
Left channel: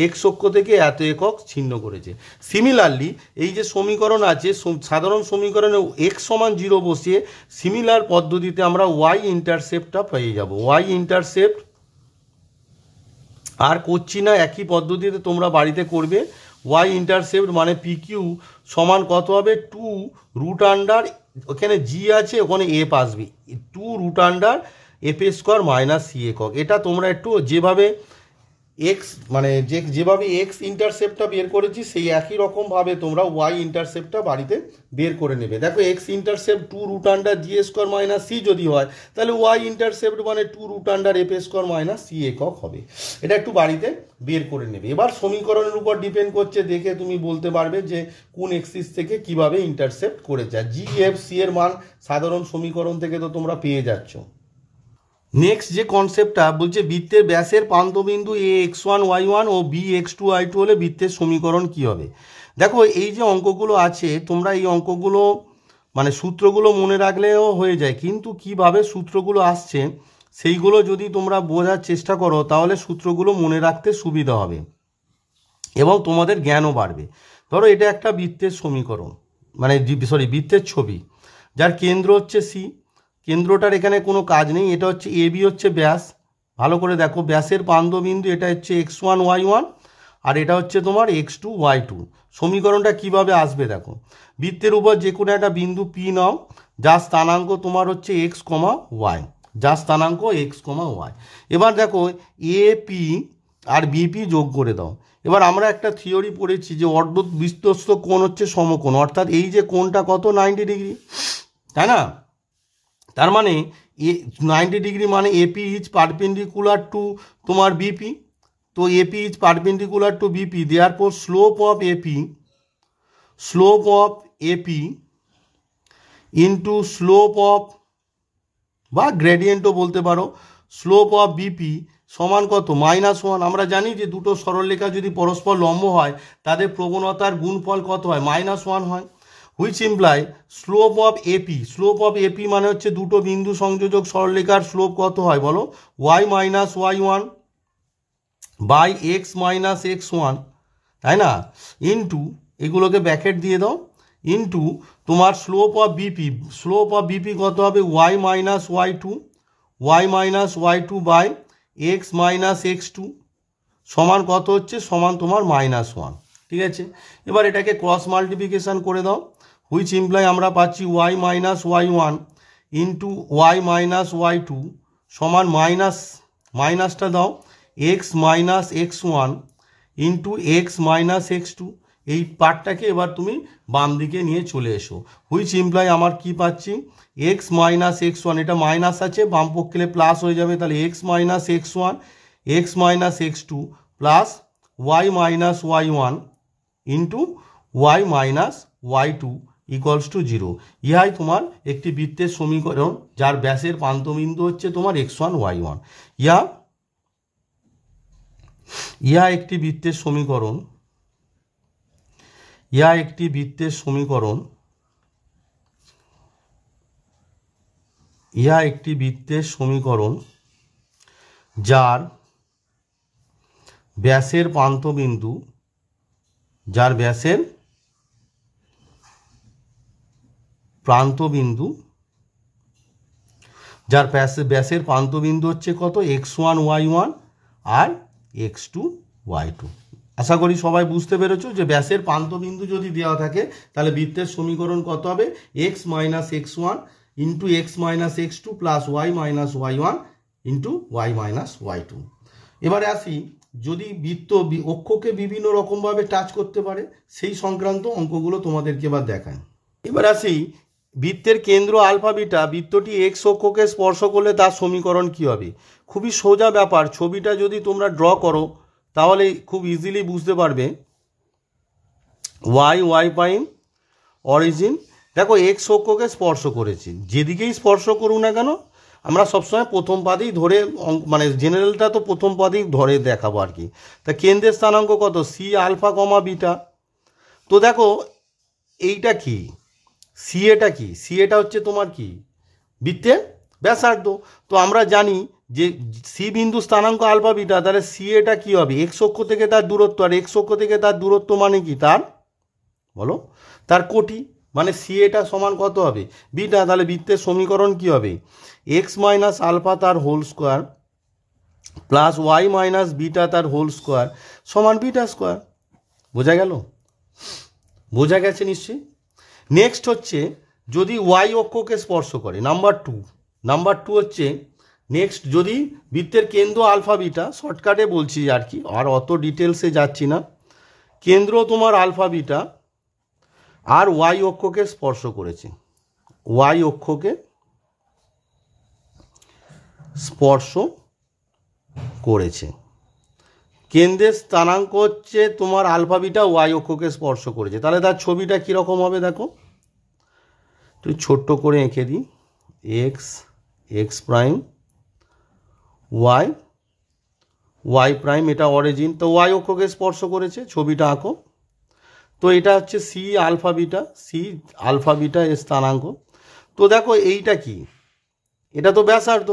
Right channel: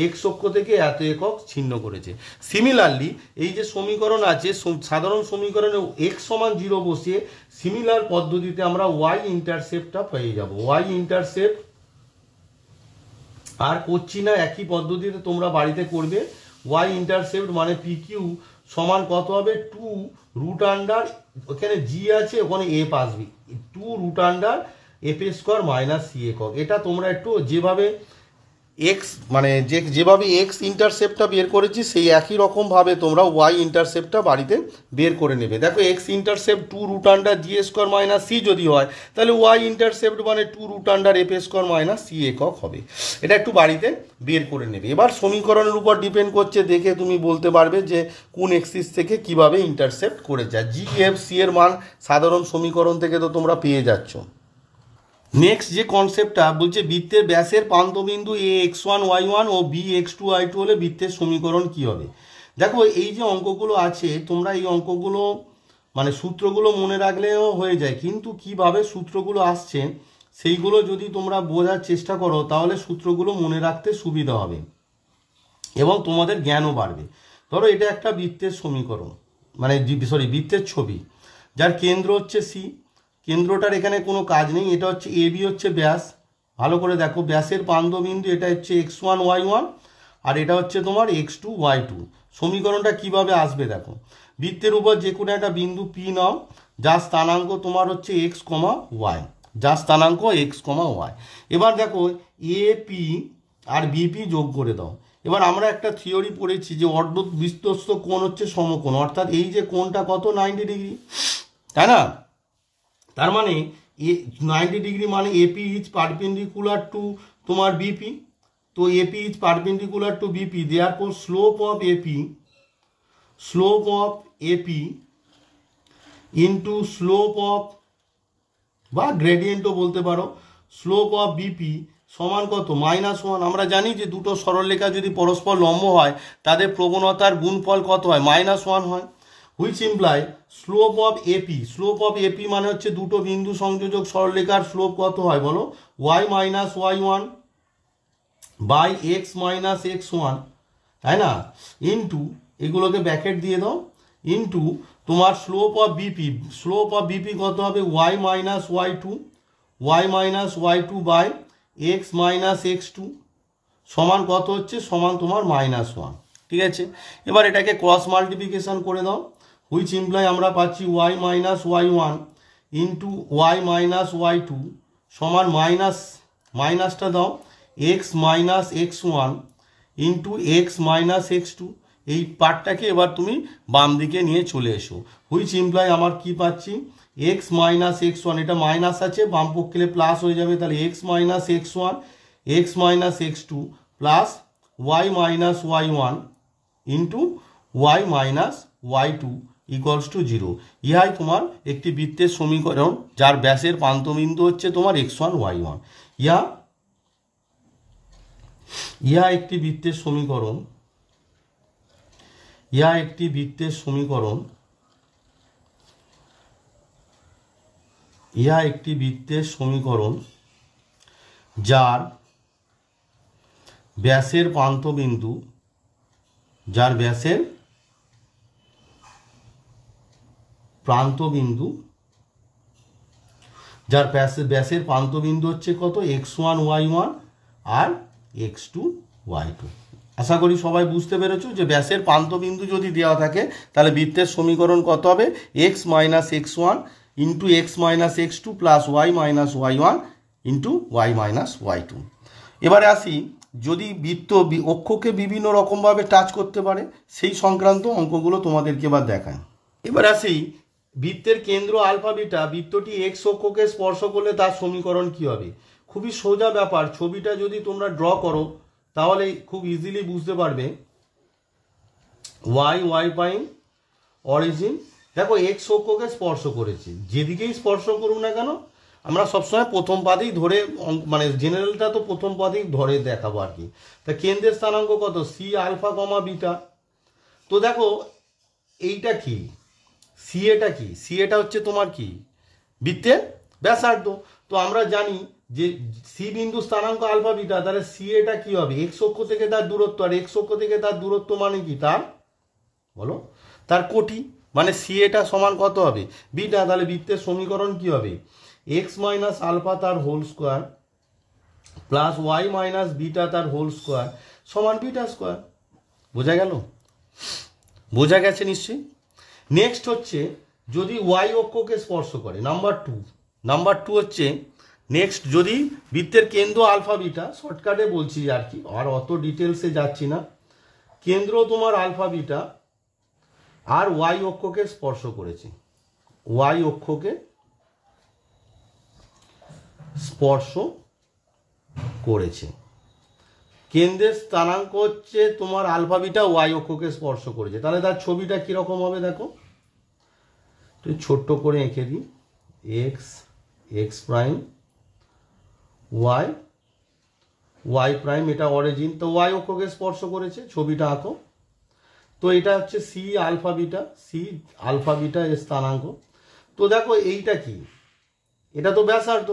x অক্ষ থেকে এত একক ছিন্ন করেছে। সিমিলারলি এই যে সমীকরণ আছে সাধারণ সমীকরণে x সমান 0 বসিয়ে সিমিলার পদ্ধতিতে আমরা y ইন্টারসেপ্টটা পেয়ে যাব। y ইন্টারসেপ্ট আর করছি না, একই পদ্ধতিতে তোমরা বাড়িতে করবে। y ইন্টারসেপ্ট মানে PQ সমান কত হবে 2 রুট আন্ডার, ওখানে g আছে ওখানে f আসবে 2 root under f square minus c একক। এটা তোমরা একটু যেভাবে যেভাবে x ইন্টারসেপ্টটা বের করেছি সেই একই রকমভাবে তোমরা y ইন্টারসেপ্টটা বাড়িতে বের করে নেবে। দেখো x intercept 2 root under g square minus c যদি হয় তাহলে y ইন্টারসেপ্ট মানে 2 root under f square minus c একক হবে। এটা একটু বাড়িতে বের করে নেবে। এবার সমীকরণের উপর ডিপেন্ড করছে, দেখে তুমি বলতে পারবে যে কোন এক্সিস থেকে কিভাবে ইন্টারসেপ্ট করে যায়। g f c এর মান সাধারণ সমীকরণ থেকে তো তোমরা পেয়ে যাচ্ছ। নেক্সট যে কনসেপ্টটা বলছে বৃত্তের ব্যাসের প্রান্তবিন্দু a x1 y1 O b x2 y2 হলে বৃত্তের সমীকরণ কি হবে। দেখো এই যে অঙ্কগুলো আছে তোমরা এই অঙ্কগুলো মানে সূত্রগুলো মনে রাখলেও হয়ে যায়, কিন্তু কিভাবে সূত্রগুলো আসছে সেইগুলো যদি তোমরা বোঝার চেষ্টা করো তাহলে সূত্রগুলো মনে রাখতে সুবিধা হবে এবং তোমাদের জ্ঞানও বাড়বে। ধরো এটা একটা বৃত্তের সমীকরণ মানে বৃত্তের ছবি, যার কেন্দ্র হচ্ছে c, কেন্দ্রটার এখানে কোনো কাজ নেই, এটা হচ্ছে AB হচ্ছে ব্যাস। ভালো করে দেখো ব্যাসের প্রান্তবিন্দু এটা হচ্ছে x1 y1 আর এটা হচ্ছে তোমার x2 y2। সমীকরণটা কিভাবে আসবে দেখো, বৃত্তের উপর যে কোনো একটা বিন্দু P নাও যার স্থানাঙ্ক তোমার হচ্ছে x, y, যার স্থানাঙ্ক x, y। এবার দেখো AP আর BP যোগ করে দাও। এবার আমরা একটা থিওরি পড়েছি যে অর্ধবৃত্তস্থ কোণ হচ্ছে সমকোণ, অর্থাৎ এই যে কোণটা কত 90 ডিগ্রি, তাই না, তার মানে 90 ডিগ্রি মানে AP ইজ পারপেন্ডিকুলার টু তোমার BP, তো AP is perpendicular to BP, therefore slope of AP into slope of বা গ্রেডিয়েন্টও বলতে পারো স্লোপ অফ BP সমান কত -1। আমরা জানি যে দুটো সরলরেখা যদি পরস্পর লম্ব হয় তাদের প্রবণতার গুণফল কত হয় -1 হয়। Which imply slope of AP. Slope of AP মানে হচ্ছে দুটো বিন্দু সংযোজক সরলরেখার স্লোপ কত হয় বলো, y minus y one by x minus x one, তাই না, ইন্টু এগুলোকে ব্যাকেট দিয়ে দাও, ইন্টু তোমার slope of BP. Slope of BP কত হবে, y minus y two by x minus x two সমান কত হচ্ছে, সমান তোমার মাইনাস ওয়ান। ঠিক আছে, এবার এটাকে ক্রস মাল্টিপ্লিকেশান করে দাও, হুইচ ইমপ্লাই আমরা পাচ্ছি y minus y one into y minus y two সমান মাইনাসটা দাও x minus x one into x minus x two. এই পার্টটাকে এবার তুমি বাম দিকে নিয়ে চলে এসো, হুইচ ইমপ্লাই আমার কি পাচ্ছি, এক্স মাইনাস এক্স ওয়ান, এটা মাইনাস আছে বাম পক্ষে প্লাস হয়ে যাবে, তাহলে x minus x one x minus x two plus y minus y one into y minus y two equals to zero. ইহাই তোমার একটি বৃত্তের সমীকরণ যার ব্যাসের প্রান্তবিন্দু হচ্ছে তোমার এক্স ওয়ান ওয়াই ওয়ান। ইহা একটি বৃত্তের সমীকরণ, যার ব্যাসের প্রান্তবিন্দু হচ্ছে কত, এক্স ওয়ান ওয়াই ওয়ান আর এক্স টু ওয়াই টু। আশা করি সবাই বুঝতে পেরেছো যে ব্যাসের প্রান্তবিন্দু যদি দেওয়া থাকে তাহলে বৃত্তের সমীকরণ কত হবে, x minus x one into x minus x two plus y minus y one into y minus y two. এবারে আসি, যদি বৃত্ত অক্ষকে বিভিন্ন রকমভাবে টাচ করতে পারে সেই সংক্রান্ত অঙ্কগুলো তোমাদেরকে এবার দেখায়। এবার আসি, বৃত্তের কেন্দ্র আলফা বিটা বৃত্তটি এক্স অক্ষকে স্পর্শ করলে তার সমীকরণ কি হবে। খুবই সোজা ব্যাপার, ছবিটা যদি তোমরা ড্র করো তাহলে খুব ইজিলি বুঝতে পারবে। ওয়াই প্রাইম অরিজিন, দেখো এক্স অক্ষকে স্পর্শ করেছে, যেদিকেই স্পর্শ করুক না কেন আমরা সবসময় প্রথম পাদেই ধরে, মানে জেনারেলটা তো প্রথম পাদেই ধরে দেখাবো আর কি। তা কেন্দ্রের স্থানাঙ্ক কত, সি আলফা কমা বিটা। তো দেখো এইটা কি, সি এটা হচ্ছে তোমার কি, বৃত্তের ব্যাসার্ধ। তো আমরা জানি যে সি বিন্দু স্থানাঙ্ক আলফা বিটা, তাহলে সি এটা কি হবে, এক্স অক্ষ থেকে তার দূরত্ব, আর এক্স অক্ষ থেকে তার দূরত্ব মানে কি, তার বলো তার কোটি, মানে সি এটা সমান কত হবে, বিটা। তাহলে বৃত্তের সমীকরণ কি হবে, এক্স মাইনাস আলফা তার whole square plus y minus beta তার হোল স্কোয়ার সমান বিটা স্কোয়ার। বোঝা গেছে নিশ্চয়ই। নেক্সট হচ্ছে যদি ওয়াই অক্ষকে স্পর্শ করে, নাম্বার টু হচ্ছে নেক্সট, যদি বৃত্তের কেন্দ্র আলফা বিটা, শর্টকাটে বলছি আর কি, আর অত ডিটেলসে যাচ্ছি না, কেন্দ্র তোমার আলফা বিটা আর ওয়াই অক্ষকে স্পর্শ করেছে, কেন্দ্রের স্থানাঙ্ক হচ্ছে তোমার আলফা বিটা, ওয়াই অক্ষকে স্পর্শ করেছে, তাহলে তার ছবিটা কীরকম হবে দেখো, তুই ছোট্ট করে এঁকে দিই, এক্স প্রাইম ওয়াই প্রাইম, এটা অরিজিন, তো ওয়াই অক্ষকে স্পর্শ করেছে, ছবিটা আঁকো। তো এটা হচ্ছে সি আলফা বিটা এর স্থানাঙ্ক। তো দেখো এইটা কি, এটা তো ব্যাসার্ধ,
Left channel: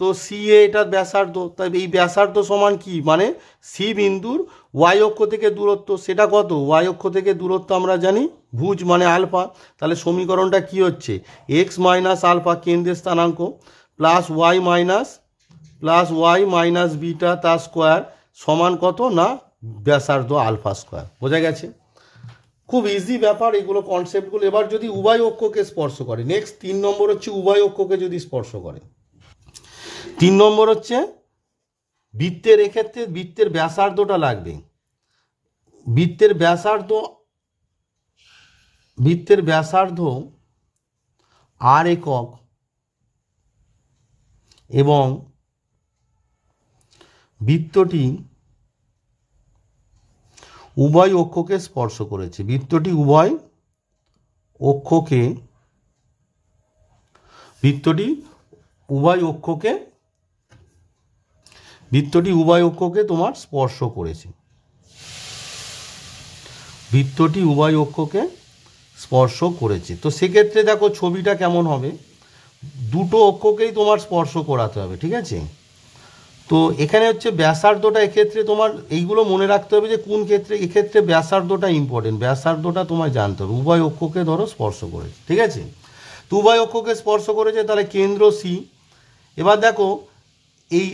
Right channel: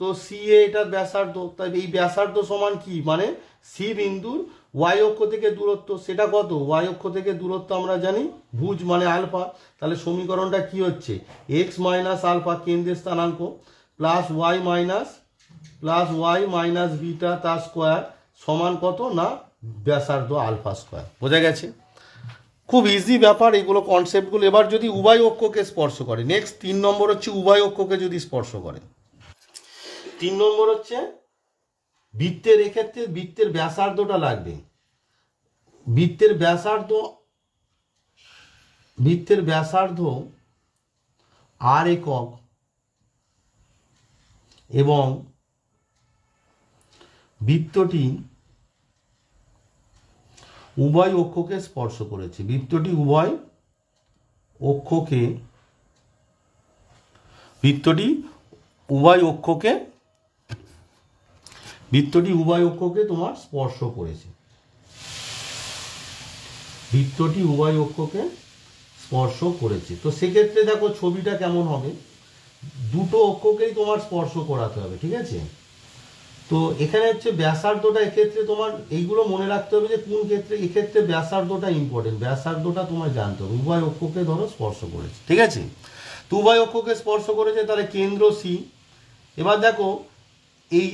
তো সি এটার ব্যাসার্ধ, তাই এই ব্যাসার্ধ সমান কি, মানে সি বিন্দুর ওয়াই অক্ষ থেকে দূরত্ব, সেটা কত, ওয়াই অক্ষ থেকে দূরত্ব আমরা জানি ভুজ মানে আলফা। তাহলে সমীকরণটা কি হচ্ছে, এক্স মাইনাস আলফা কেন্দ্রের স্থানাঙ্ক প্লাস ওয়াই মাইনাস বিটা তার স্কোয়ার সমান কত না ব্যাসার্ধ আলফা স্কোয়ার। বোঝা গেছে, খুব ইজি ব্যাপার এগুলো, কনসেপ্টগুলো। এবার যদি উভয় অক্ষকে স্পর্শ করে, নেক্সট 3 নম্বর হচ্ছে উভয় অক্ষকে যদি স্পর্শ করে। 3 নম্বর হচ্ছে বৃত্তের, এক্ষেত্রে বৃত্তের ব্যাসার্ধটা লাগবে, বৃত্তের ব্যাসার্ধ আর একক এবং বৃত্তটি উভয় অক্ষকে স্পর্শ করেছে, বৃত্তটি উভয় অক্ষকে তোমার স্পর্শ করেছে, স্পর্শ করেছে। তো সেক্ষেত্রে দেখো ছবিটা কেমন হবে, দুটো অক্ষকেই তোমার স্পর্শ করাতে হবে, ঠিক আছে। তো এখানে হচ্ছে ব্যাসার্ধটা, এক্ষেত্রে তোমার এইগুলো মনে রাখতে হবে যে কোন ক্ষেত্রে, এক্ষেত্রে ব্যাসার্ধটা ইম্পর্টেন্ট, ব্যাসার্ধটা তোমার জানতে হবে। উভয় অক্ষকে ধরো স্পর্শ করেছে, ঠিক আছে। তো উভয় অক্ষকে স্পর্শ করেছে, তাহলে কেন্দ্র সি। এবার দেখো এই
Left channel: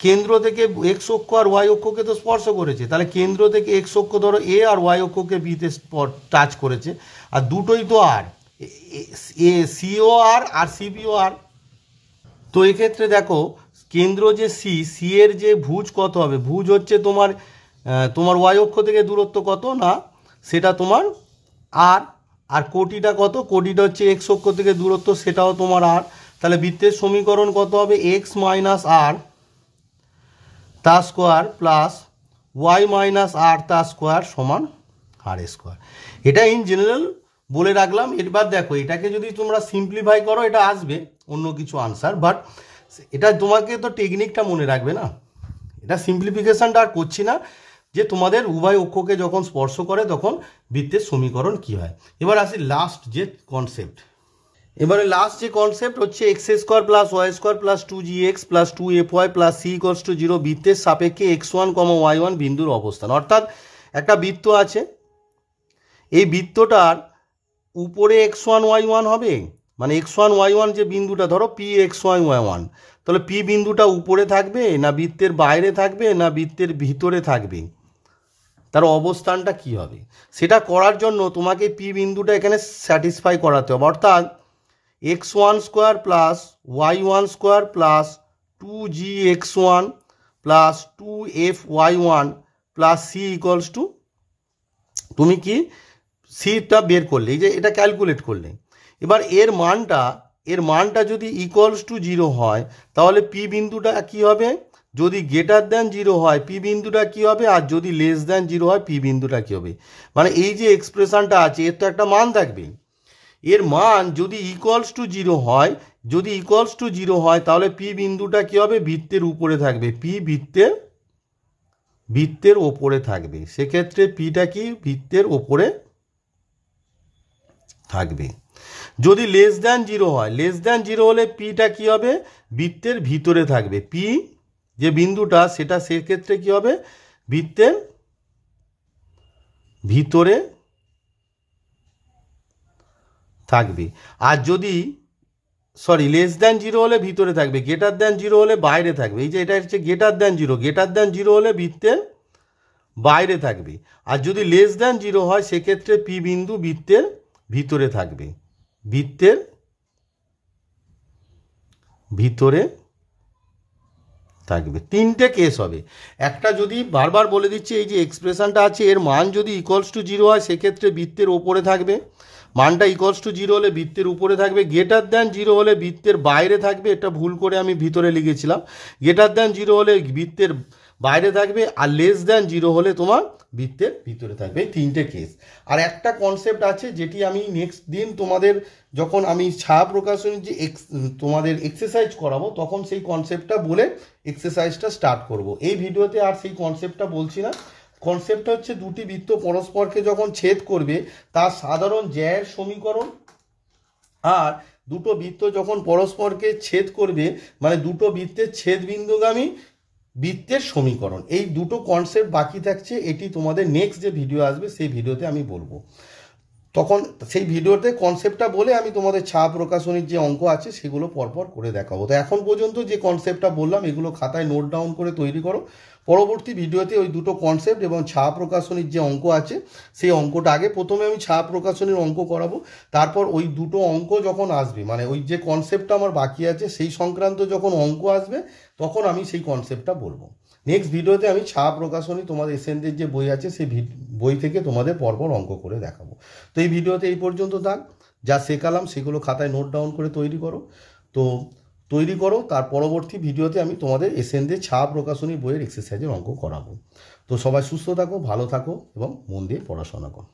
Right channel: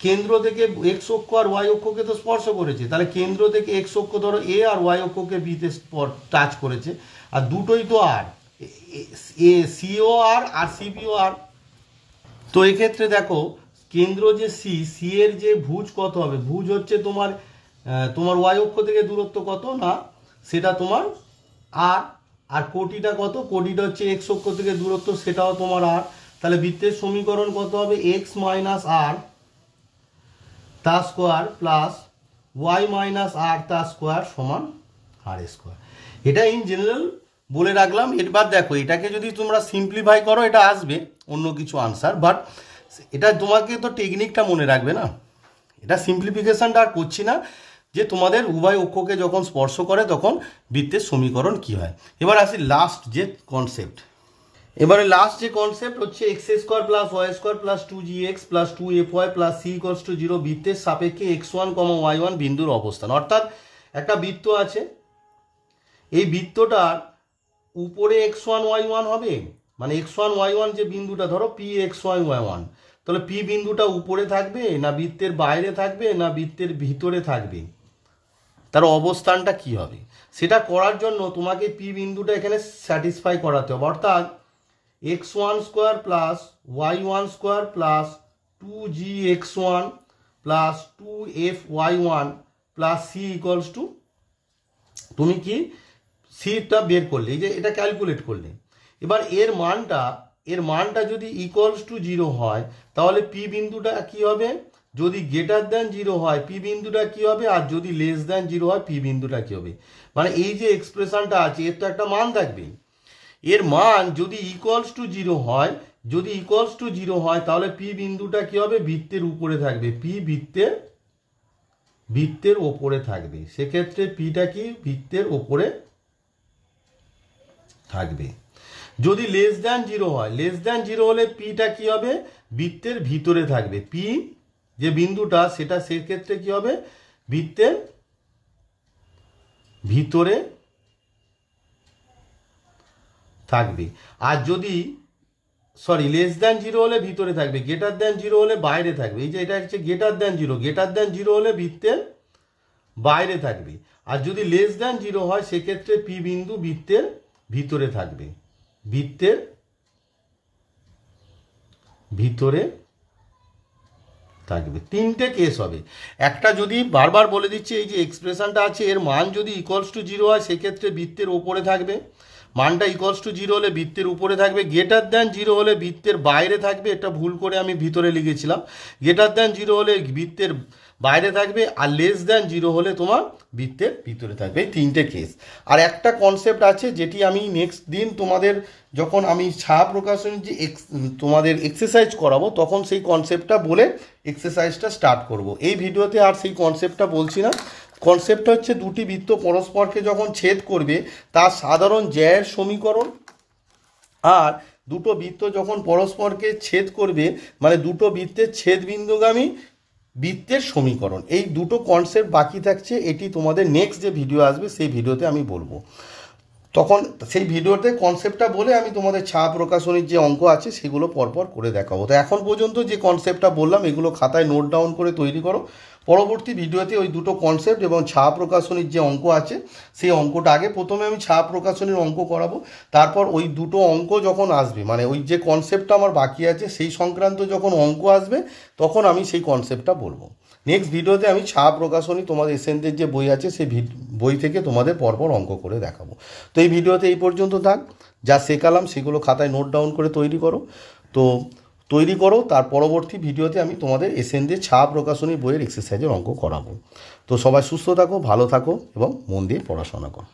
কেন্দ্র থেকে এক্স অক্ষ আর ওয়াই অক্ষকে তো স্পর্শ করেছে, তাহলে কেন্দ্র থেকে এক্স অক্ষ ধরো এ আর ওয়াই অক্ষকে বিতে টাচ করেছে, আর দুটোই তো আর, এ সিও আর সিপিও আর। তো এক্ষেত্রে দেখো কেন্দ্র যে সি এর যে ভুজ কত হবে, ভুজ হচ্ছে তোমার ওয়াই অক্ষ থেকে দূরত্ব কত না, সেটা তোমার আর কোটিটা কত, কোটিটা হচ্ছে এক্স অক্ষ থেকে দূরত্ব, সেটাও তোমার আর। তাহলে বৃত্তের সমীকরণ কত হবে, এক্স মাইনাস আর তা স্কোয়ার প্লাস ওয়াই মাইনাস আর তা স্কোয়ার সমান আর স্কোয়ার। এটা ইন জেনারেল বলে রাখলাম। এবার দেখো এটাকে যদি তোমরা সিম্পলিফাই করো এটা আসবে অন্য কিছু আনসার, বাট এটা তোমাকে তো টেকনিকটা মনে রাখবে না। এটা সিম্পলিফিকেশনটা আর করছি না, যে তোমাদের উভয় অক্ষকে যখন স্পর্শ করে তখন বৃত্তের সমীকরণ কি হয়। এবার আসি লাস্ট যে কনসেপ্ট, এবারে লাস্ট যে কনসেপ্ট হচ্ছে x square plus y square plus 2gx plus 2fy plus c equals to 0 বৃত্তের সাপেক্ষে x1, y1 বিন্দুর অবস্থান। অর্থাৎ একটা বৃত্ত আছে, এই বৃত্তটার উপরে x1 y1 হবে, মানে x1 y1 যে বিন্দুটা ধরো p x1 y1, তাহলে p বিন্দুটা উপরে থাকবে না বৃত্তের বাইরে থাকবে না বৃত্তের ভিতরে থাকবে, তার অবস্থানটা কি হবে, সেটা করার জন্য তোমাকে p বিন্দুটা এখানে স্যাটিসফাই করাতে হবে। অর্থাৎ x1 square plus y1 square plus 2gx1 plus 2fy1 plus c equals two, তুমি কি সিটা বের করলে, এই যে এটা ক্যালকুলেট করলে, এবার এর মানটা যদি ইকুয়ালস টু 0 হয় তাহলে পি বিন্দুটা কি হবে, যদি গ্রেটার দ্যান 0 হয় পি বিন্দুটা কি হবে, আর যদি লেস দ্যান 0 হয় পি বিন্দুটা কি হবে। মানে এই যে এক্সপ্রেশনটা আছে এর তো একটা মান থাকবে, এর মান যদি ইকুয়ালস টু 0 হয়, যদি ইকুয়ালস টু 0 হয় তাহলে পি বিন্দুটা কি হবে, বৃত্তের উপরে থাকবে, পি বৃত্তের ওপরে থাকবে, সেক্ষেত্রে পিটা কি বৃত্তের ওপরে থাকবে। যদি লেস দ্যান 0 হয়, লেস দ্যান 0 হলে পিটা কি হবে, বৃত্তের ভিতরে থাকবে, পি যে বিন্দুটা সেটা সেক্ষেত্রে কি হবে, বৃত্তের ভিতরে থাকবে। আর যদি লেস দ্যান 0 হলে ভিতরে থাকবে, গ্রেটার দ্যান 0 হলে বাইরে থাকবে। এই যে এটা হচ্ছে গ্রেটার দ্যান 0, গ্রেটার দ্যান 0 হলে বৃত্তের বাইরে থাকবে, আর যদি লেস দ্যান 0 হয় সেক্ষেত্রে পি বিন্দু বৃত্তের ভিতরে থাকবে, বৃত্তের ভিতরে থাকবে। তিনটে কেস হবে, একটা যদি বারবার বলে দিচ্ছি এই যে এক্সপ্রেশনটা আছে এর মান যদি ইকুয়ালস টু 0 হয় সেক্ষেত্রে বৃত্তের ওপরে থাকবে, মানটা ইকুয়ালস টু 0 হলে বৃত্তের উপরে থাকবে, গ্রেটার দ্যান 0 হলে বৃত্তের বাইরে থাকবে, এটা ভুল করে আমি ভিতরে লিখেছিলাম, গ্রেটার দ্যান 0 হলে বৃত্তের বাইরে থাকবে, আর লেস দ্যান 0 হলে তোমার বৃত্তের ভিতরে থাকবে। এই তিনটে কেস। আর একটা কনসেপ্ট আছে যেটি আমি নেক্সট দিন তোমাদের যখন আমি ছায়া প্রকাশনের যে তোমাদের এক্সারসাইজ করাবো তখন সেই কনসেপ্টটা বলে এক্সারসাইজটা স্টার্ট করব। এই ভিডিওতে আর সেই কনসেপ্টটা বলছি না। কনসেপ্টটা হচ্ছে দুটি বৃত্ত পরস্পরকে যখন ছেদ করবে তার সাধারণ জ্যায়ের সমীকরণ, আর দুটো বৃত্ত যখন পরস্পরকে ছেদ করবে মানে দুটো বৃত্তের ছেদ বিন্দুগামী বৃত্তের সমীকরণ। এই দুটো কনসেপ্ট বাকি থাকছে, এটি তোমাদের নেক্সট যে ভিডিও আসবে সেই ভিডিওতে আমি বলবো। তখন সেই ভিডিওতে কনসেপ্টটা বলে আমি তোমাদের ছায়া প্রকাশনীর যে অঙ্ক আছে সেগুলো পরপর করে দেখাবো। তো এখন পর্যন্ত যে কনসেপ্টটা বললাম এগুলো খাতায় নোট ডাউন করে তৈরি করো, পরবর্তী ভিডিওতে ওই দুটো কনসেপ্ট এবং ছায়া প্রকাশনীর যে অঙ্ক আছে সেই অঙ্কটা আগে প্রথমে আমি ছায়া প্রকাশনীর অঙ্ক করাবো, তারপর ওই দুটো অঙ্ক যখন আসবে মানে ওই যে কনসেপ্টটা আমার বাকি আছে সেই সংক্রান্ত যখন অঙ্ক আসবে তখন আমি সেই কনসেপ্টটা বলবো। নেক্সট ভিডিওতে আমি ছায়া প্রকাশনী তোমাদের এসএনদের যে বই আছে সেই বই থেকে তোমাদের পরপর অঙ্ক করে দেখাবো। তো এই ভিডিওতে এই পর্যন্ত থাক, যা শেখালাম সেগুলো খাতায় নোট ডাউন করে তৈরি করো, তার পরবর্তী ভিডিওতে আমি তোমাদের এসএনদের ছায়া প্রকাশনী বইয়ের এক্সারসাইজের অঙ্ক করাবো। তো সবাই সুস্থ থাকো, ভালো থাকো এবং মন দিয়ে পড়াশোনা করো।